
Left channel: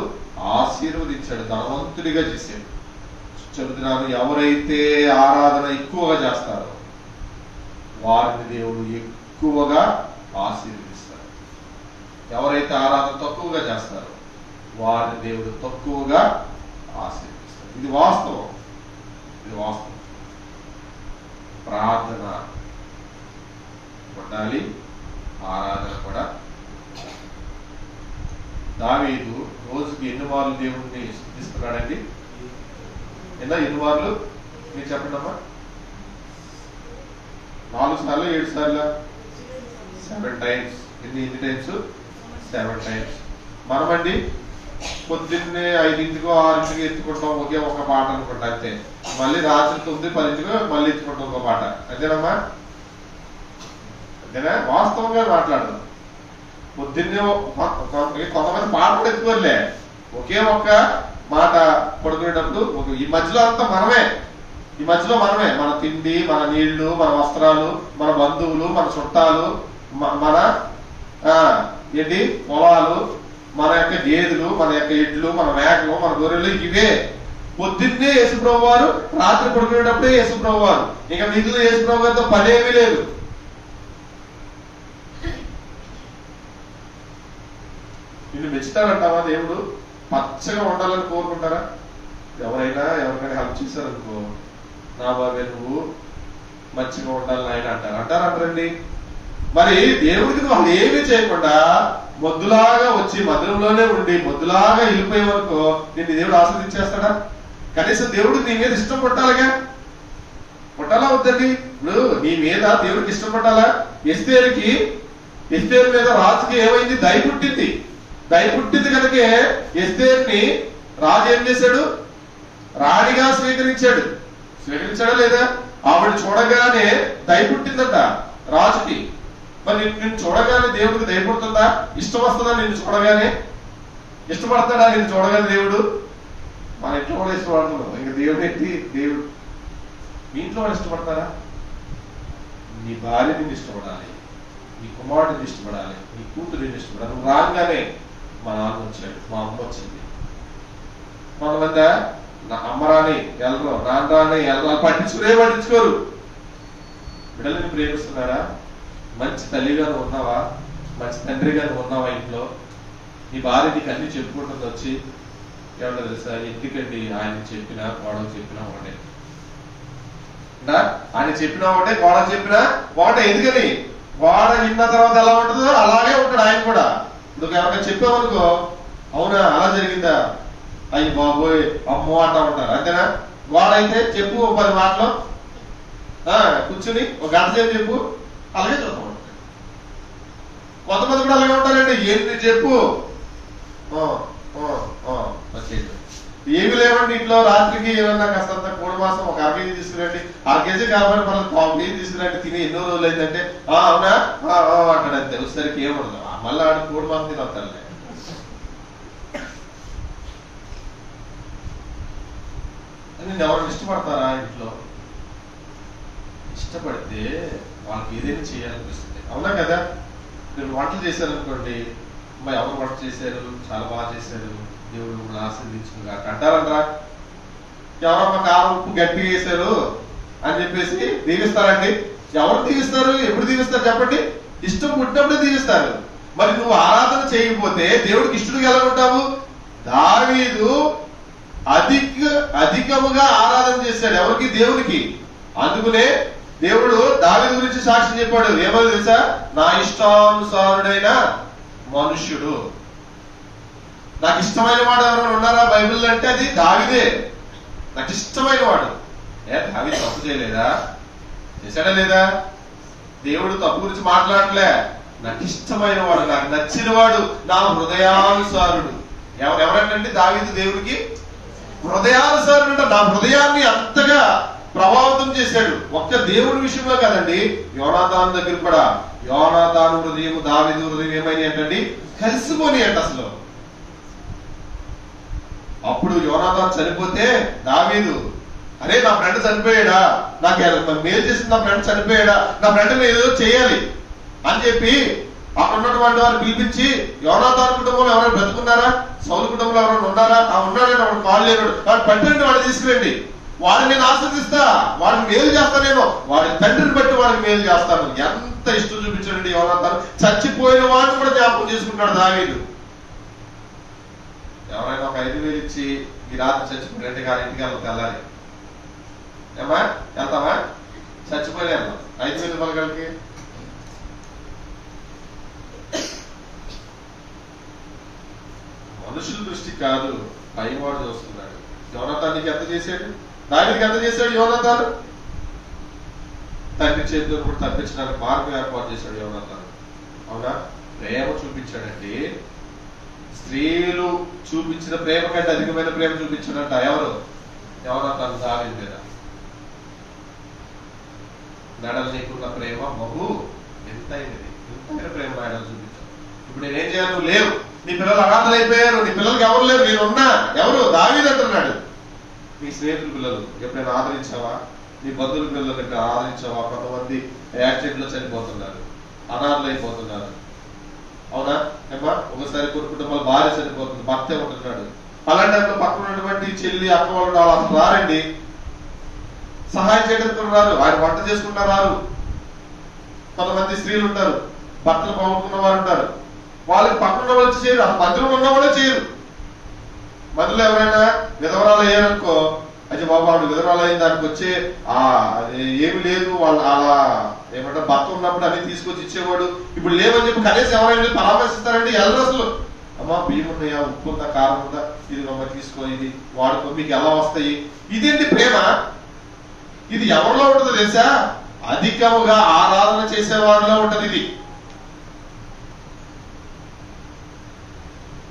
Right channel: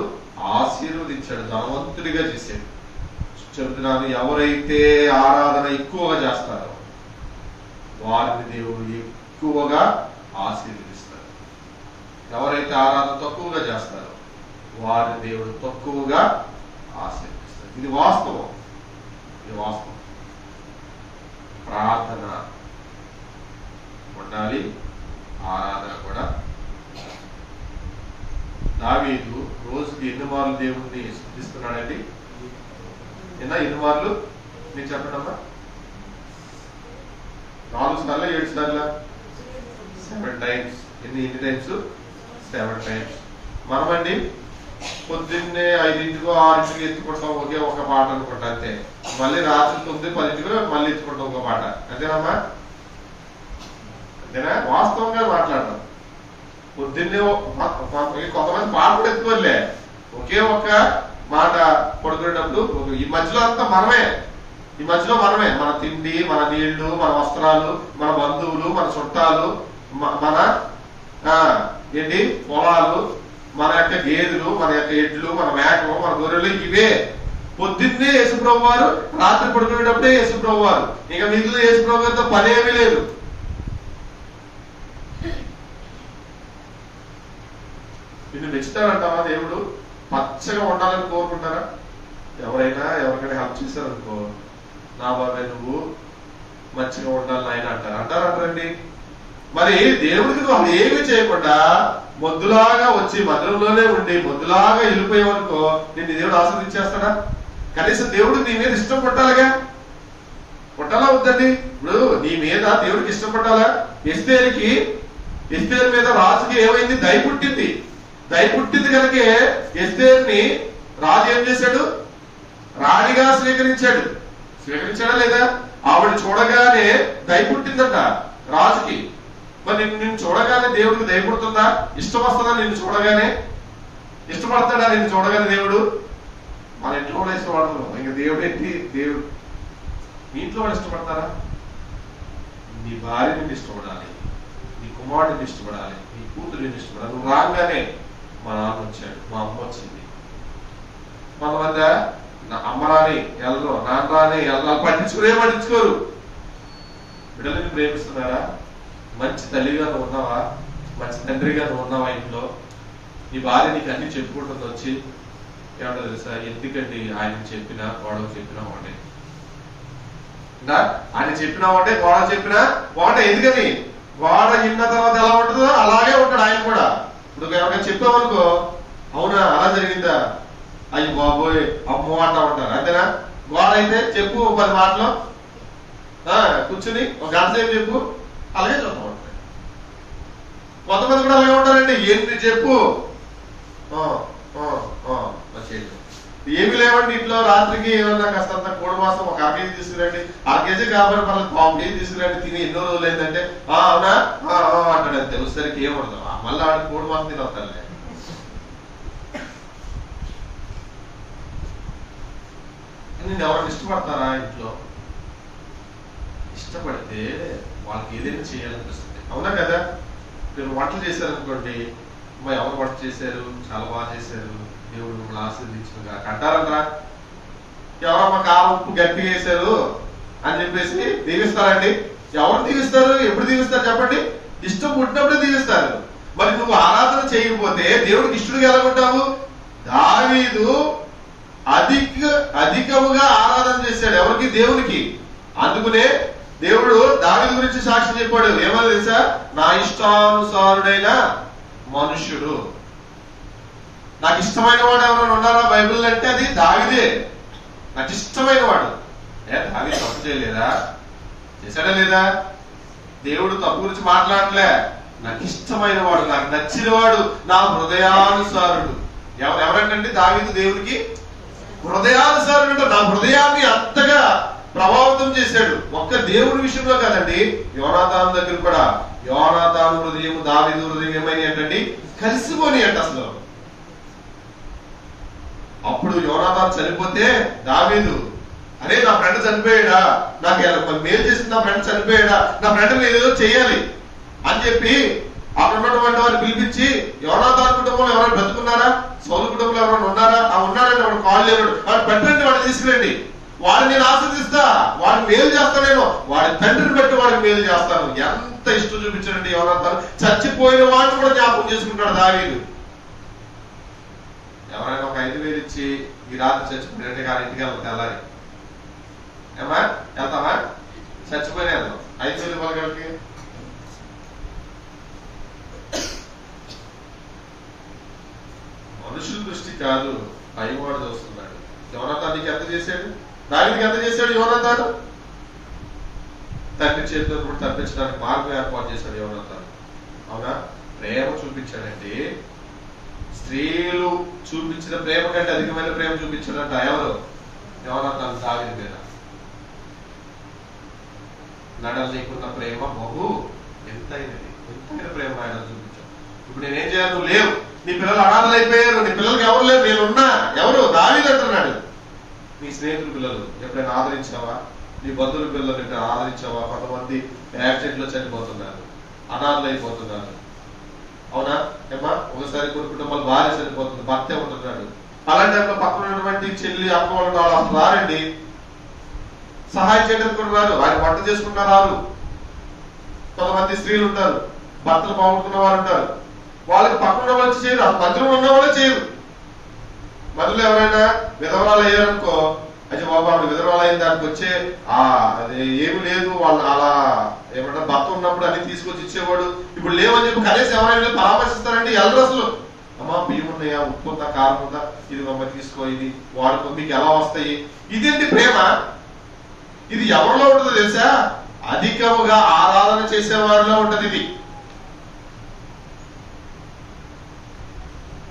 ఆశీర్వదించాడు, ధనవంతుడిగా చేశాడు. చెబుతున్నాను, ఎవరైతే ఆరాధన ఎక్కువగా చేస్తారో వారిని దేవుడు ఎక్కువగా ఆశీర్వదిస్తాడు. ఎవరైతే ఆరాధన తక్కువగా చేస్తారో వారిని దేవుడు తక్కువగా ఆశీర్వదిస్తాడు. ఇది వాస్తవం. ఇది వాస్తవం. ప్రార్థన ఉండాలి, ఆరాధన కూడా. దావీదు రోజుకి ఎన్ని మార్లు దేవుణ్ణి స్తుతిస్తున్నాడండి? ఎన్ని మార్లు మీరు చెప్పండి అమ్మా. 4 సార్లు 7 సార్లు 7 times. ఎన్ని టైమ్స్? 7 times. మనమండి పొద్దున్నే 5ంటికో 6ంటికో ఎత్తుకుంటాం ఒకే ఒక పాట అనుకుంటా అంతే. మళ్ళీ రాత్రి 9, 10ంటికో మళ్ళీ ఎత్తుకుంటాం ఒక పాట. అంతేనమ్మా? అంతేనా? వాస్తవంగా మాట్లాడతాం. పొద్దున్నే కొంతమంది పాట కూడా ఎత్తుకోలే, ఒకే ఒక్క మాట పడుకునేటప్పుడు ఈ మధ్యలో అంతా మనమే, ఈ మధ్యలో మనమే. మన తిండి, మన నీళ్లు, మన వస్త్రాలు, మన బంధువులు, మన చుట్టాలు, మన ఏంటి పొలాలు, మన యొక్క గేదెలు, మన యొక్క ఎడ్లు, మన మేకలు, మన గొర్రెలు, ఇవే. పొద్దున్నే యేసుప్రభు వారు, రాత్రి పడుకునేటప్పుడే యేసుప్రభు వారు. ఇంకా మిగిలిన యేసుప్రభు వారితో పనేమీ లేదు. నిన్ను మెచ్చుతాడంటావా దేవుడు? పచ్చగా ఉండాలని కోరుకుంటారా? ఎవరికైనా హెల్ప్ చేశారనుకో, నా బాబాయ్ నువ్వు మంచిగా ఉండాలని ఆయన అంటారంటారండి. మరి దేవుడికి వాళ్ళు ఏమీ చేయకుండా మొద్దులాగా వచ్చి మందిరంలోనే ఉండి మొద్దులాగా వెళ్ళిపోయే వరకు నిన్ను దేవుడు ఆస్వాదించేస్తాడా? కనీసం దేవుడు నీ మీద ఇష్టం పుట్టాలిగా, పుట్టాలా వద్దండి? ఇప్పుడు నీ మీద దేవుడికి ఇష్టం పుట్టాలా? ఎస్తేరు మీద రాజుకి ఏమైంది? దయ పుట్టింది కనుకే ఎస్తేరుని రాజు ఏం చేశాడు? రాణిగా స్వీకరించాడా లేదా? ఆవిడ చూడగానే దయ పుట్టిందట రాజుకి. మరి నిన్ను చూడగానే దేవుడికి దయ పుడుతుందా? ఇష్టం వస్తుందా? నిన్ను చూడగానే ఇష్టపడతాడా? నిన్ను చూడగానే దేవుడు? మన ఇంట్లో కూడా ఇష్టపడుతున్నాం, ఇంకా దేవుడు ఏంటి? దేవుడు మీ ఇంట్లో కూడా ఇష్టపడతారా? నీ భార్య నిన్ను ఇష్టపడాలి, నీ కుమారుడు నిన్ను ఇష్టపడాలి, నీ కూతురు నిన్ను ఇష్టపడాలి. నువ్వు రాగానే మా నాన్న వచ్చాడు, మా అమ్మ వచ్చింది, మన వద్ద అమ్మ రాని వెళ్ళరు, నాన్న రాని వెళ్ళాలి, పట్టించుకోరు. బిడ్డలని ప్రేమిస్తున్నారా? మంచి తల్లిగా నువ్వు ఉన్నావా? మంచి తండ్రిగా నువ్వు ఉన్నావా? ఇంట్లో నీ భార్య నీకు అన్ని చెప్పుకుంటుంది వచ్చి, ఏమన్నా తెలుసా? ఎందుకండి ఆయన చెప్పినా గొడవ చెప్పినా ఒకటే, ఆయన చెప్పినా ఒకటే, గొడవ చెప్పినా ఒకటే. ఎందుకని? గోడ విన్న తర్వాత ఎలా ఉంటుందో అలాగే ఉంటాడు ఆయన కూడా. ఇప్పుడు ఎవరికైనా చెప్పామనుకో, అవునా అలా జరిగిందా, అయ్యి బాబోయ్ అమ్మో అంటా ఉంటారు. అంతేనా? గోడ అయితే చెప్పు 10 మాటలు, కూర్చుని ఒక గంట సేపు చెప్పు, అలాగే చూద్దాం. కొంతమంది కూడా అలాగే ఉంటారండి. ఏంటి చెప్పు, ఏమి లేవండి ఇంట్లో. రాత్రికి ఏమన్నా కాస్తంత కోడి మాసం ఒక 1/2 కేజీ తీసుకురండి, 1/2 కేజీ కాబట్టి మనకు 1/4 కేజీ తీసుకురండి, తిని ఎన్నో రోజులు అయిందంటే అవునా అంటాడు. అంతే. వచ్చేసరికి ఏమడదు, మళ్ళీ ఆడ కోడి మాసం తినవుతారు. నేను ఎవరికి ఇష్టపడతారా? ఇంట్లో ఇష్టపడితే వాళ్ళకి ఏదైనా చేయాలనిపిస్తుంది, అవునా కదా? మీరు వంటలు చేశారనుకోండి, అమ్మాయి ఎవరు వంట చేశారు, చాలా బాగా చేశారు, దేవుడు మిమ్మల్ని ఆశీర్వదించుగా అంటారంటారా? ఎవరమ్మా కారం ఉప్పు గట్టిగా వేశారు అని చెప్పేసి దీవిస్తారండి? ఎవరు దీవిస్తారు? ఎప్పుడు దీవిస్తారు చెప్పండి? ఇష్టం పుట్టినప్పుడే దీవిస్తారు. మరి నువ్వు ఆరాధన చేయకపోతే దేవుడికి ఇష్టడుగా ఎలా ఉంటావు? దావీదు అధికముగా ఆరాధన చేశాడు. ఎవరికి? దేవునికి. అందుకనే దేవుడు దావీదు గురించి సాక్ష్యం చెప్పాడు. ఏమో తెలుసా? నా ఇష్టానుసారుడైన మనుష్యుడు. నాకు ఇష్టమైన వాడు ఎవరైనా ఉన్నారా బైబిల్ అంటే అది దావీదే. నాకు ఇష్టమైన వాడు. దావీదు తప్పు చేయలేదా? చేశాడా లేదా? దేవుడు తప్పు గురించి మాట్లాడలే. నాకు ఇష్టమైన వాడు, నాకు నచ్చిన వాడు, నా హృదయానుసారుడు. ఎవరంటే దావీదు దేవుడికి హృదయానుసారుడు. నా హృదయాన్ని అంతగా ప్రభావితం చేశాడు. ఒక్క దేవుడి విషయంలో కాదండి, యోనాతాను దగ్గర కూడా. యోనాతాను హృదయం దావీదు హృదయం ఏమైంది ఏంటండి? కలిసిపోని అంట అసలు. అప్పుడు యోనాతాను చనిపోతే దావీదు, అరే నా ఫ్రెండ్ చనిపోయాడా, నాకు మేలు చేసింది, నా ఫ్రెండ్ చనిపోయాడా, నా ఫ్రెండ్ మీద ఏదో చేయాలి అని చెప్పి అక్కడ ఉన్నటువంటి వారిని పిలిపించి, యోనాతాను కుటుంబంలో ఎవరైనా బ్రతుకున్నారా, సౌలు కుటుంబంలో ఎవరైనా ఉన్నారా, ఉన్నారంటే వాడు కాళ్ళు లేడు, వాడు పెట్టండి, వాడిని తీసుకురండి, వాడిని నేను ఆశీర్దిస్తా, వాడిని మేలు చేస్తాను, నేను వాడి తండ్రిని బట్టి వాడిని మేలు చేస్తాను. ఎంత ఇష్టం చూపించాడండి యోనాతాను. చచ్చిపోయిన వాడిని కూడా జ్ఞాపకం చేసుకుంటాడు దావీదు. ఎవరైనా ఒక 5,000 ఇచ్చి ఈ రాత్రి చచ్చిపోయినట్టు కానీ ఇంటికి వెళ్తా తెల్లారి, ఏమా వెళ్తామా? చచ్చిపోయిన వెళ్దాం. 5,000 మనకి మనుషుల దృష్టి కాదు, పైవాడు చూస్తున్నాడు. యోనాతాను నీకు ఎంత చేశాడు? దావీదుకి ఎంత చేశాడు యోనాతాను? తండ్రి చేతిలో కూడా తప్పించడానికి మార్గం ఏర్పాటు చేశాడు యోనాతాను. అవునా? ప్రేమ చూపించాడండి. స్త్రీలు చూపించిన ప్రేమ కంటే అధికమైన ప్రేమ చూపించాడంట. ఎవరు? యోనాతాను దావీదు మీద. నడలు నీకున్న ప్రేమ బహు ఎంతైనది, ఎంతైన ప్రేమ నాయన చూపించాడు. ఇప్పుడు నేనేం చేయాలి? నువ్వు లేవు, నీ పిల్లలు అనాథలు అయిపోయారు, నీ పిల్లలకి ఎవరు లేరు, నేనున్నా. ఎవరు? దావీదు అంటున్నాడు. నీ స్నేహితుల పిల్లలు ఎప్పుడైనా ఆదరించావా? నీ బంధువుల పిల్లలు ఎప్పుడైనా ఆదరించావా? కొంతమంది యాక్సిడెంట్ లో చనిపోతున్నారు, అనాథలు అయిపోతున్నారు. అవునా ఏమ్మా? ఒకసారి కొన్ని కుటుంబాలు భార్య చనిపోతుంది, భర్తే ఉంటున్నాడు. అలాంటి టైంలో పక్కన ఉన్నటువంటి చెల్లి అక్క వాళ్ళు అసలు రారండి, సహాయం చేయడానికి రారు, ఆయన వంట చేసుకుంటా రారు. కొంతమంది స్త్రీలు ఉంటారు, భర్తలు బాగుంటున్న వారు ఉంటారు, వాళ్ళకి పక్కన వాళ్ళు చేయరు, అసలు మందిరంలో ఉన్న వాళ్ళే చేయరు. మందిలో ఎవరైనా విధవరాలు అయ్యారనుకో, అయితే బాబు ఆవిడ విధవరాలు అయిన దానికి వచ్చే అది ఏమి లేదు, వాళ్ళు అలా ఏమంటారు భర్త ఉన్నప్పుడు అన్ని తీసుకొచ్చి ఇచ్చేవాడు. ఇప్పుడు లేవని చెప్పి కనీసం ఎవరైనా పరామర్శిస్తారంటే ఎల్లరు అసలు అమ్మా బియ్యం ఉన్నాయా, ఉప్పు ఉందా, కారం ఉందా, ఇది అమ్మ తీసుకో, ఇది వాడుకో, మీకు ఎలా వస్తాయి. ఇదేంటి ప్రేమ? ఇది ఎవరిలో ఉంటుందో తెలుసా? అధికముగా ఆరాధన చేసే వారిలో ఉంటది. ఇది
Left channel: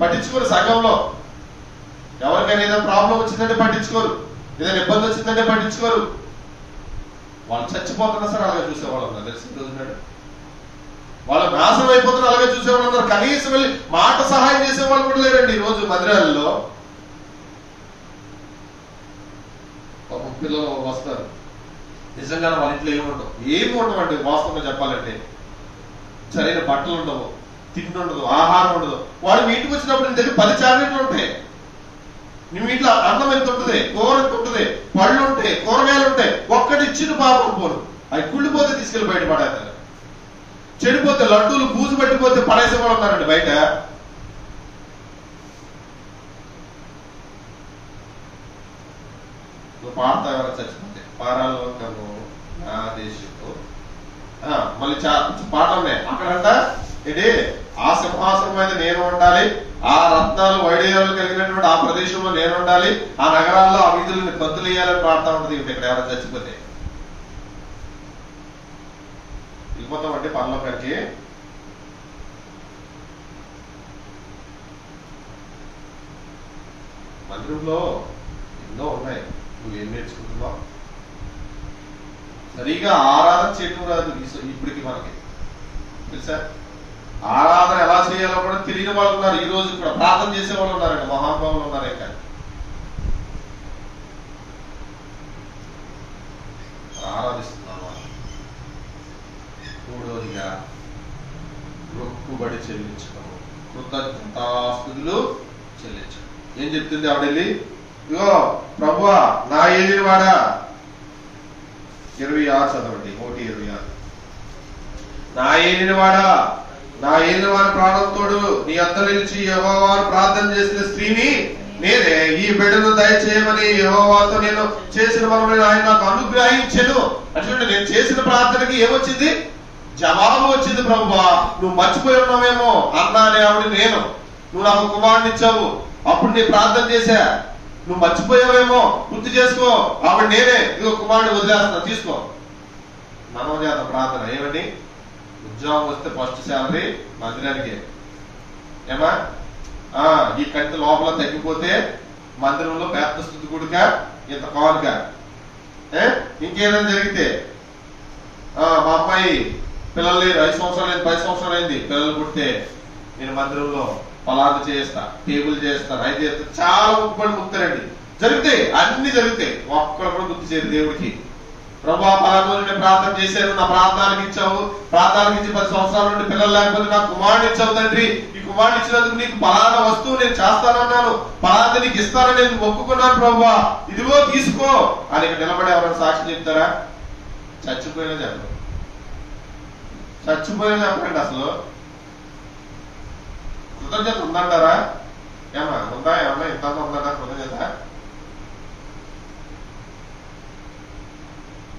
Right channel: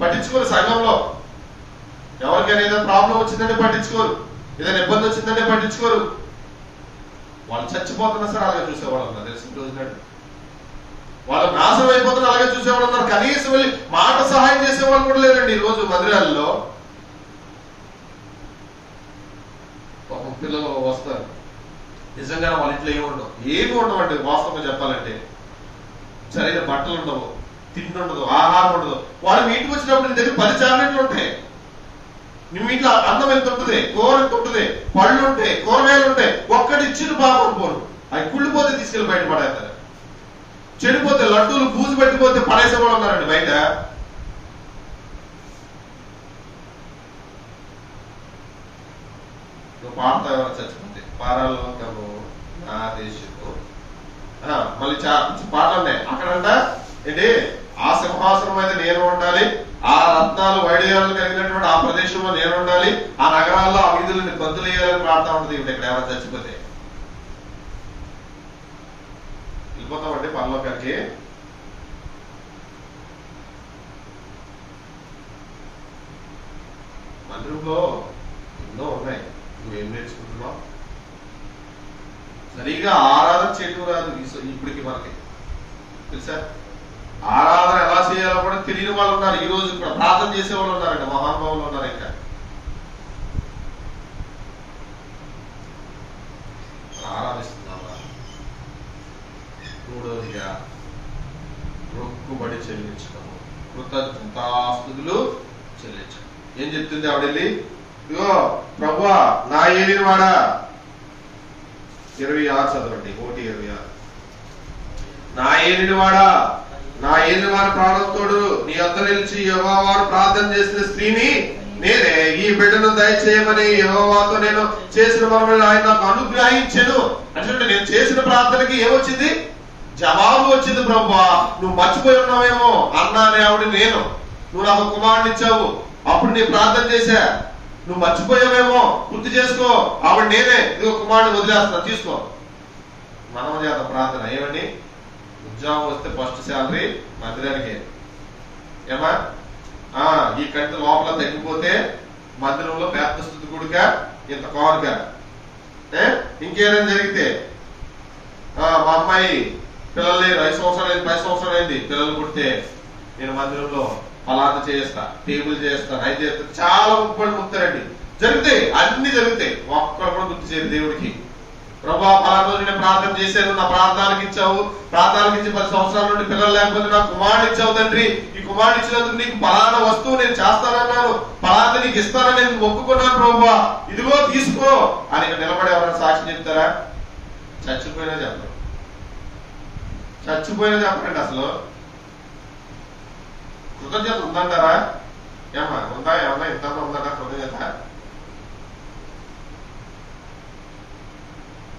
పట్టించుకోరు. సంఘంలో ఎవరికైనా ఏదైనా ప్రాబ్లం వచ్చిందంటే పట్టించుకోరు, ఏదైనా ఇబ్బంది వచ్చిందంటే పట్టించుకోరు. వాళ్ళు చచ్చిపోతున్నా సరే అలాగే చూసేవాళ్ళు ఉన్నారు. తెలిసిన రోజు నాడు వాళ్ళు నాశనం అయిపోతున్నా అలాగే చూసేవాళ్ళు ఉన్నారు. కనీసం వెళ్ళి మాట సహాయం చేసేవాళ్ళు కూడా లేరండి ఈ రోజు మందిరాల్లో. పాపం పిల్లలు వస్తారు, నిజంగానే వాళ్ళ ఇంట్లో ఏమి ఉండవండి. వాస్తవంగా చెప్పాలంటే సరైన బట్టలు ఉండవు, తిండి ఉండదు, ఆహారం ఉండదు. వాడు మీ ఇంటికి వచ్చినప్పుడు నీ దగ్గర 10 చాక్లెట్లు ఉంటాయి, నువ్వు ఇంట్లో అన్నం ఎంత ఉంటుంది, కూర ఎంత ఉంటుంది, పళ్ళు ఉంటాయి, కూరగాయలు ఉంటాయి. ఒక్కటి ఇచ్చిన పాపం పోరు, అవి కుళ్ళిపోతే తీసుకెళ్లి బయట పడేస్తారు. చెడిపోతే లడ్డూలు బూజు పెట్టిపోతే పడేసే వాళ్ళు ఉన్నారండి బయట. నువ్వు పాడతా ఎవరైనా చచ్చిపోతే పారాల్లో నా దేశంలో మళ్ళీ పాటలు ఉన్నాయి అక్కడంట. ఏంటి? ఆ సింహాసనం మీద నేను ఉండాలి, ఆ రత్నాలు వైడేయాలు కలిగినటువంటి ఆ ప్రదేశంలో నేను ఉండాలి, ఆ నగరాల్లో ఆ వీధులను గంతులు వేయాలని పాడుతూ ఉంటుంది. ఇక్కడ ఎవరైనా చచ్చిపోతే వెళ్ళిపోతామండి పరలోకానికి. మందిరంలో ఎన్నో ఉన్నాయి, నువ్వేం నేర్చుకుంటున్నావు? సరిగా ఆరాధన చేయడం రాదు ఇప్పటికి మనకి, తెలుసా? ఆరాధన ఎలా చేయాలో కూడా తెలియని వాళ్ళు ఉన్నారు. ఈ రోజు కూడా ప్రార్థన చేసే వాళ్ళు ఉన్నారండి, మహానుభావులు ఉన్నారు. ఇంకా ఆరాధిస్తున్నావా? మూడోదిగా మొక్కుబడి చెల్లించడము, కృతజ్ఞతాస్తుతులు చెల్లించడం. ఏం చెప్తుంది ఆవిడెళ్ళి? ఇగో ప్రభువా నా ఏలిన వాడా, 26 చదవండి, 1:26. నా ఏలిన వాడా, నా ఏలిన వారి ప్రాణంతోడు నీ అంత నిలిచి యెహోవాను ప్రార్థన చేసిన స్త్రీని నేనే, ఈ బిడ్డను దయచేయమని యెహోవాతో నేను చేసిన వరములను ఆయన నాకు అనుగ్రహించెను. అంటే నేను చేసిన ప్రార్థనకి ఏమొచ్చింది? జవాబు వచ్చింది. ప్రభువా నువ్వు మర్చిపోయి ఉన్నావేమో అన్నానే ఆవిడ నేను, నువ్వు నాకు కుమారుని ఇచ్చావు, అప్పుడు నీ ప్రార్థన చేశా, నువ్వు మర్చిపోయావేమో గుర్తు చేసుకో, ఆవిడ నేనే, ఇదిగో కుమారుని వదిలేస్తున్నా, తీసుకో. మనం చేద్దాం ప్రార్థన. ఏమండి? ఉద్యోగం వస్తే ఫస్ట్ శాలరీ మందిరానికి. ఏమా? ఈ కంటి లోపల తగ్గిపోతే మందిరంలో పేద స్థుతి గుడిక ఇంత కానుక. ఇంకేదైనా జరిగితే మా అమ్మాయి పిల్లలు లేరు, 5 సంవత్సరాలు అయింది, 10 సంవత్సరాలు అయింది, పిల్లలు పుట్టితే నేను మందిరంలో పలానా చేస్తా, టేబుల్ చేస్తాను, అది చేస్తా. చాలా ముక్కుబడి ముక్తారండి. జరుగుతాయి, అన్ని జరుగుతాయి. ఒక్కరు కూడా గుర్తు చేయరు దేవుడికి. ప్రభా పలానా రోజు నేను ప్రార్థన చేశాను, నా ప్రార్థనకి ఇచ్చావు, ప్రార్థనకి ఇచ్చి 10 సంవత్సరాల నుండి పిల్లలు లేకపోతే నాకు కుమారుడు ఇచ్చావు తండ్రి, ఈ కుమారుడు ఇచ్చినందుకు నీకు పలానా వస్తువు నేను చేస్తానన్నాను, పలానా నీకు ఇస్తానని నేను మొక్కుకున్నాను ప్రభా, ఇదిగో తీసుకో అని నిలబడి ఎవరైనా సాక్షి చెప్తారా? చచ్చిపోయినా చెప్పరు, చచ్చిపోయినా చెప్పండి. అసలు కృతజ్ఞత ఉందంటారా? ఏమా ఉందా? ఏమన్నా ఇంత ఉందట కృతజ్ఞత?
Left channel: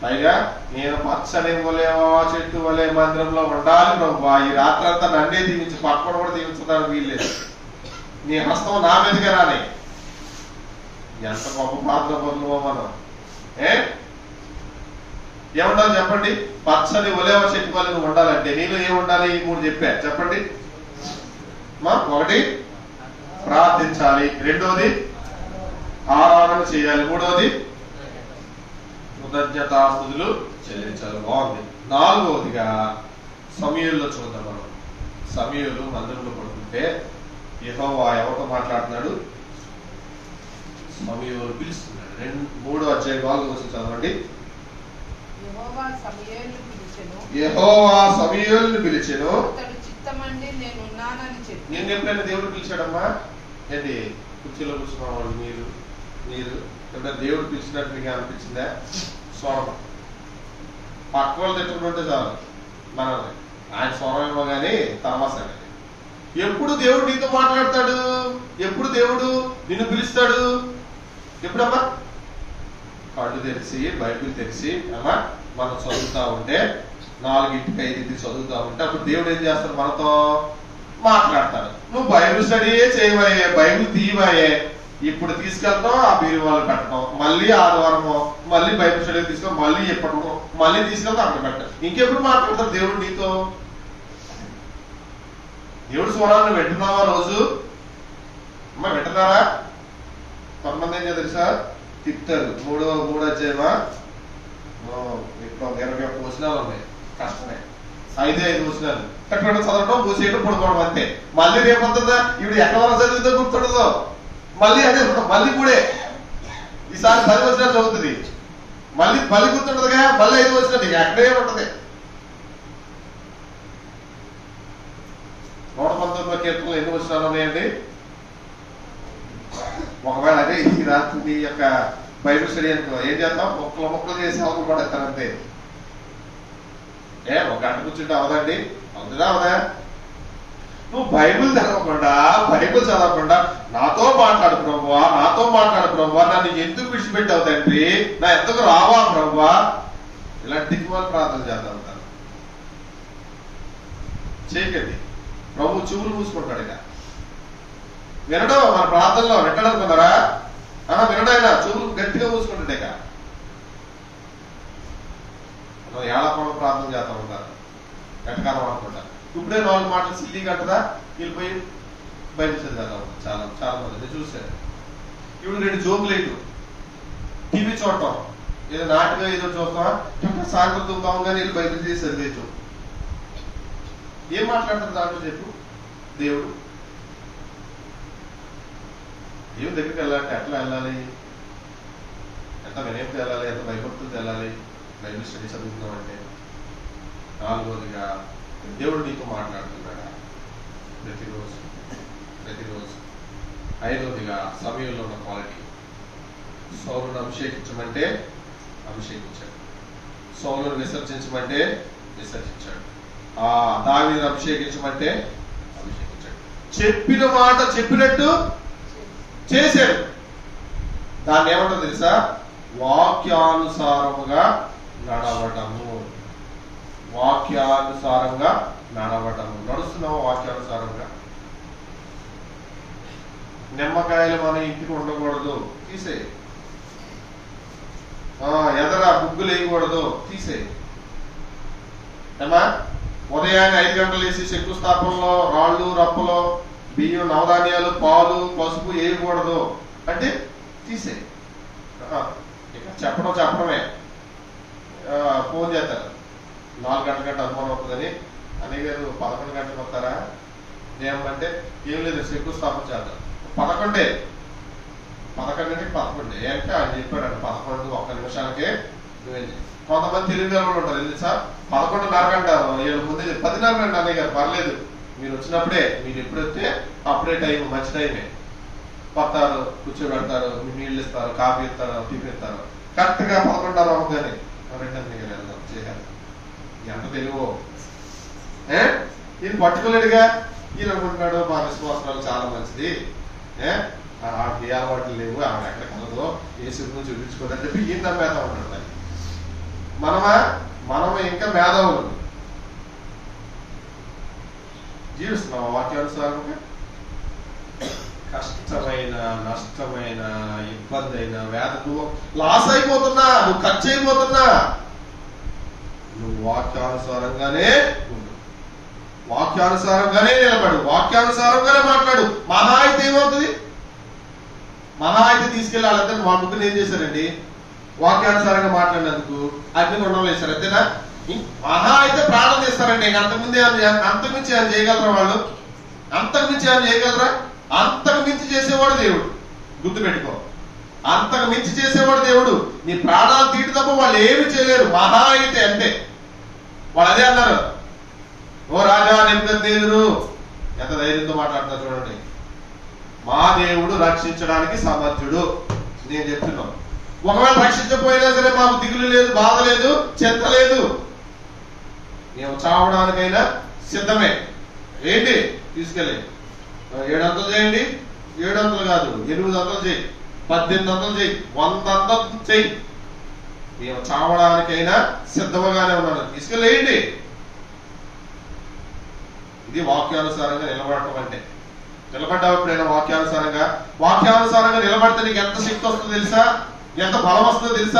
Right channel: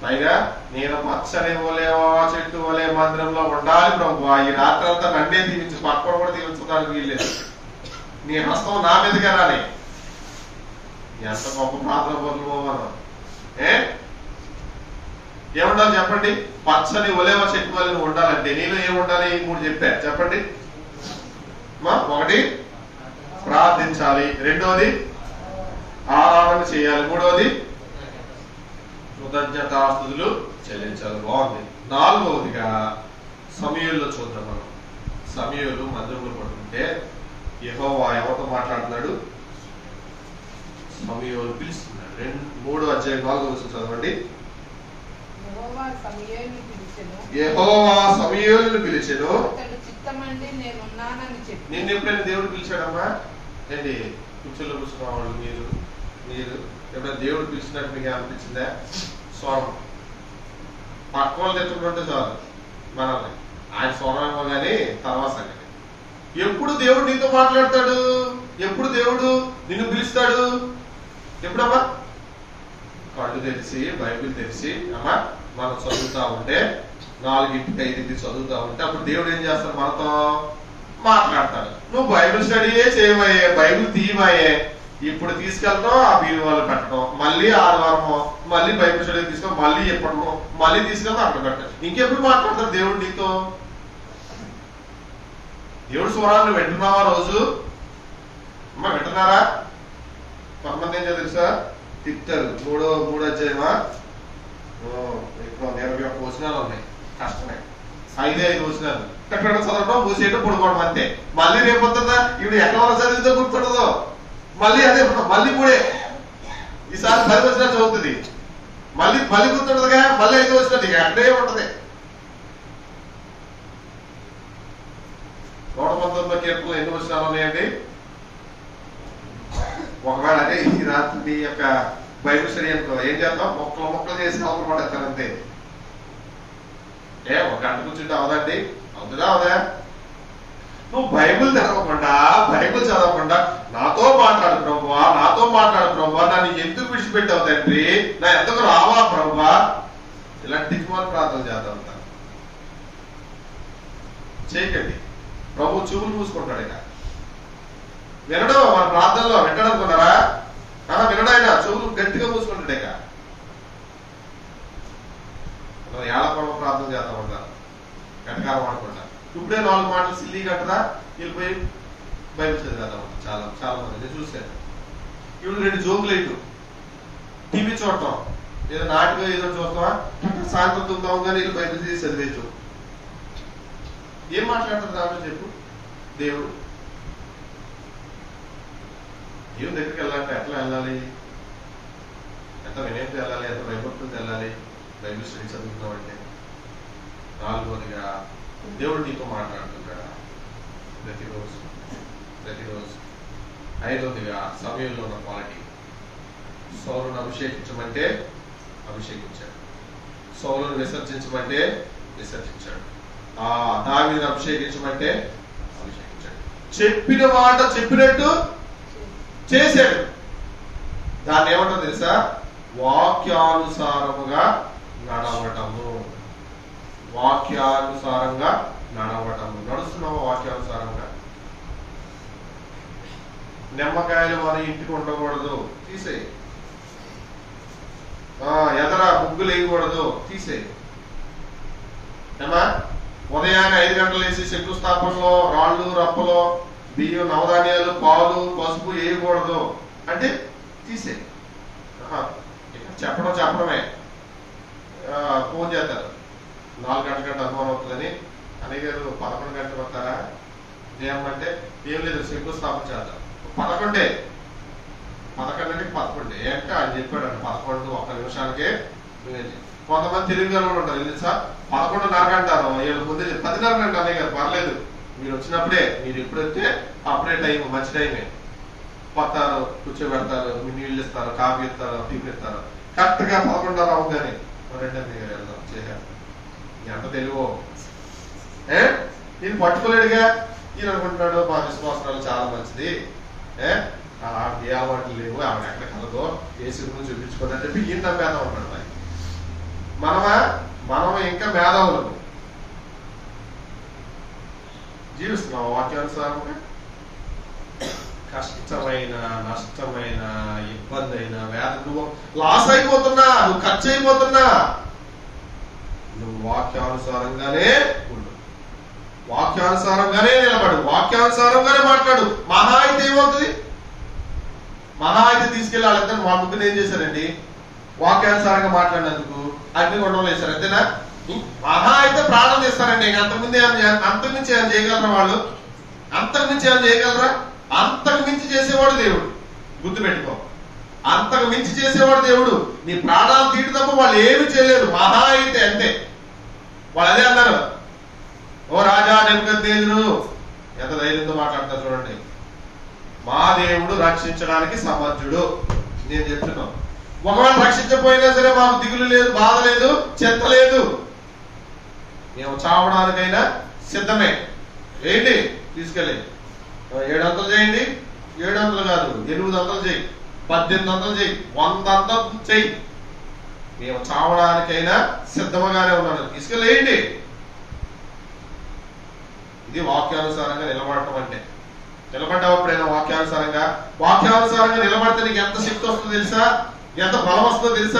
పైగా నేను పచ్చని వలే చెట్టు వలే మందిరంలో ఉండాలి ప్రభు, ఈ రాత్రి అంతా నన్నే దీవించు, పక్కన కూడా దీవించడానికి వీల్లేదు, నీ హస్తం నా మీదగా రాని. ఎంత గొప్ప ప్రార్థన పొందుకో మనం. ఏముండాలి చెప్పండి? పచ్చని ఒలేవ చెట్టు వల్ల నువ్వు ఉండాలంటే నీలో ఏమి ఉండాలి? 3 చెప్పా, చెప్పండి. ఒకటి ప్రార్థించాలి, రెండోది ఆరాధన చేయాలి, మూడోది కృతజ్ఞతాస్తుతులు చెల్లించాలి. బాగుంది. నాలుగవదిగా సమూయేలులో చూద్దాం మనం. సమూయేలు మందిరంలో పడుతుంటే యెహోవా ఎవరితో మాట్లాడుతున్నాడు? సమూయేలు పిలుస్తున్నాడు. 3వ అధ్యాయం 4వ వచనం చదవండి. యెహోవా సమూయేలును పిలిచెను. నేను ఎప్పుడైనా దేవుడు పిలిచాడమ్మా? ఏంటి కుర్చీలో కూర్చున్నవాళ్ళు మీరు ఎప్పుడైనా దేవుడు పిలిచినట్టు మీకు అనిపించిందా? స్వరం పక్క వాళ్ళు తెచ్చుకుంటుంటే చాలు మనల్ని, ఆయన స్వరం ఏమో కానీ తర్వాత సంగతి. ఎప్పుడు దేవుడు నీతో మాట్లాడతాడు? ఎప్పుడు దేవుడు నిన్ను పిలుస్తాడు? ఎప్పుడమ్మా? కళ్ళు తెరిచి బైబిల్ తెరిచి అమ్మా మనం చదువుతా ఉంటే 4ంటికి 5ంటికి చదువుతా ఉంటే అప్పుడు దేవుడు ఏం చేస్తాడు? మనతో మాట్లాడతాడు. నువ్వు బైబిల్ స్టడీయే చేయబోయే, బైబిల్ తీయబోయే, ఇప్పుడు తీసుకెళ్తాం ఆ బీరు వాళ్ళు పెట్టడం, మళ్ళీ ఆదివారము మళ్ళీ బైబిల్ స్టడీ తీసుకొని మళ్ళీ చెప్పడము, మళ్ళీ తీసుకెళ్తాం అక్కడ పెట్టడం. ఇంకెప్పుడు మాట్లాడతాడు దేవుడు నీతో? దేవుడు స్వరాన్ని వింటున్నావా రోజు? అమ్మ వింటున్నారా? కొంతమంది ఏం తెలుసా? తిట్టారు. 3వ అధ్యాయమా 21 వచనాలు ఉన్నాయి, కష్టమే. 5 వచనాలు కట్టడం చదవడం, మూసేయడం, పడుకోవడం అంతే. మళ్ళీ రేపొద్దుందా ఇవి ఎక్కడ చదివితో గుర్తుండదు, మళ్ళీ అదే మళ్ళీ 3 ఈసారి 10 వచనాలు చదువుతుంది, మళ్ళీ గుర్తుండదుగా, మళ్ళీ 5 వచనాలు ఇక అక్కడే ఉంటది. 119 కీర్తనలు ఎన్ని వచనాలు ఉన్నాయండి? ఒకవేళ అదే ఈ రాత్రి యొక్క బైబిల్ స్టడీ అనుకో, ఏం చేస్తాం? మొక్కలు చేసి అవసరం కూడా ఎత్తానంతే. 1 గంట కూర్చుంటే అవదండి? అవుతుందా? అవదా? నువ్వు బైబిల్ చదవకుండా నాతో మాట్లాడు ప్రభువా, నన్ను ఎందుకు విడిచిపెట్టావు తండ్రి, నా ఎందుకు రావా ప్రభువా, ఇలాంటి వాళ్ళు ప్రార్థన చేద్దాం ఉంటారు. చేయకండి. ప్రభు చెవులు మూసుకుంటాడు. ఇక వినడం మన ప్రార్థనలో వింటాడనుకున్నారా? వినడాయన చెవులు గట్టిగా మూసుకుంటాడు. ఇక ఏళ్ళకోవడం ప్రార్థన చేస్తా ఉంటారు, వెనకాలం అనుకుంటా. ఇప్పుడే 4 మాటలు సిల్లీ కట్టదా వెళ్ళిపోయి బైబిల్ చదివేస్తా ఉంటారు. చాలా మంది నేను చూశాను. ఇప్పుడు 2 జోకులు వేయటం, టీవీ చూడటం, ఏదో నాటిగా ఏదో చూస్తావా, సాయంత్రం తుందాం కానీ వీళ్ళు బైబిల్ తీసి చదివేయటం. ఏం మాట్లాడుతుంది దాంట్లో చెప్పు? దేవుడు దగ్గరికి వెళ్ళాలంటే ఎట్లా వెళ్ళాలి? ఎంత వినయంతో వెళ్ళాలి? ఎంత భయభక్తులతో వెళ్ళాలి? బైబిల్ స్టడీ చదువుతాం అంటే. 4వదిగా దేవుడు నీతో మాట్లాడుతున్నాడా? ప్రతిరోజు. 5వదిగా సమయంలో ఉన్న క్వాలిటీ. సౌలును అభిషేకించమంటే అభిషేకించాడు, సౌలును విసర్జించమంటే విసర్జించాడు, దావీదును అభిషేకించమంటే అభిషేకించాడు. చెప్పిన మాట చెప్పినట్టు చేశాడు. దాన్ని ఏమంటారు తెలుసా? వాక్యానుసారముగా నడవటము. నడుస్తున్నావా వాక్యానుసారంగా? నిమ్మకాయలు మన ఇంటికి ఉండకూడదు, తీసేయి. ఎదర ముగ్గులు వేయకూడదు, తీసేయి. ఏమా ఉదయాన్నే 5 గంటలు వేసి శంకుస్థాపనలో రాళ్ళు రప్పలో బియ్యం, నవధాన్యాలు, పాలు, పసుపు వేయకూడదు అంటే తీసే. చెప్పడమే. ఫోన్ చేస్తారు, 4 గంటల అనుమానం అవుతుందని. అన్నయ్య గారు 11 గంటలకు వస్తారా? ఏమంటే ఏం లేదు, శంకుస్థాపన చేద్దాం. 11 ఏంటంటే ఆయన చెప్పాడు 11 1 నిమిషాలకే. కొంతమంది తెలివి వాళ్ళు ఉంటారు, ఎందుకు సార్ 11:30 అంటారు, 7 ముందే 10:30 గంట. అన్నయ్య గారు పర్లేదు, మీరు వచ్చినప్పుడే, మీరు ఎప్పుడైతే అప్పుడే టైం, మంచి టైమే. వస్తారు, కూర్చోబెడతారు, మీరు నీళ్ళు ఇస్తారు, కాఫీ ఇస్తారు, టిఫిన్ ఇస్తారు. కరెక్ట్ గా 11:30 అవుతుంది. 2 వెళ్దాం చేయాలి. ఎంత తెలివో నేను పట్టుకోలేడుగా. ఈయన అనుకుంటున్నాడు మా విశ్వాసాలు చాలా మంచిది, ఆవిడ ఏ అలవాట్లు లేవు, ఆవిడ ఎక్కడ కలదో, ఏ సినిమా చూపించుకోదని చెప్పి ఈయన మేధావు ఉంటాడు. మనమే ఇంకా మేధావులు జీవిస్తున్నావు వాక్యానుసారంగా. కష్టమైన, నష్టమైన, ఇబ్బంది అయినా, వేద, నువ్వు లాస్ అయిపోతున్నా, నువ్వు ఖర్చు అయిపోతున్నా, నువ్వు వాక్యానుసారంగానే ఉండు, వాక్యానుసారంగానే నిలబడు, వాక్యానుసారంగానే మాట్లాడు. మహా అయితే ఏమవుతుంది? మహా అయితే తీసుకెళ్ళి వాళ్ళంతా మా ముగ్గురు ఏం చేశారండి? వాక్యానుసారంగా మాట్లాడినందుకు అగ్ని కొండలు వేశారు, అంతేనా? మహా అయితే ప్రాణం తీస్తారండి. అంతకుమించి ఏమైనా చేయగలరా వాళ్ళు? అంతకుమించి ఏమైనా చేయగలరా? అంతకు మించి చేసేవాడు దేవుడు, గుర్తుపెట్టుకో. అంతకు మించి చేసేవాడు దేవుడు. నీ ప్రాణాలు తీటి తప్ప వాళ్ళు ఏమి చేయలేరు. మహా అయితే అంతే. వాళ్ళు అదే అన్నారు, ఓ రాజా నెబుకద్నెజరు, ఎంత ధైర్యంతో మాట్లాడుతున్నా చూడండి. మా దేవుడు రక్షించడానికి సమర్థుడు. నేను చెప్తున్నాను, ఒకవేళ రక్షించకపోయినా సరే మాకు దిగులు లేదు, బాధ లేదు, చింత లేదు. మేము చావడానికైనా సిద్ధమే. ఏంటి తీసుకెళ్ళి 700 చేయండి, 700 కాదు 800 చేయి, 1800 చేయి, 100 చెయ్యి, మేము చావడానికైనా సిద్ధముగానే ఉన్నాను, తీసుకెళ్ళేయండి. ఇది వాక్యానుసారంగా నిలబడటం అంటే. నిలబడ్డావు ఎప్పుడైనా వాక్యానుసారంగా? వాక్యానుసారంగా నిలబడితే నీకు ఎంత శక్తి వస్తుందో తెలుసా? ఎంత బలం వస్తుందో తెలుసా?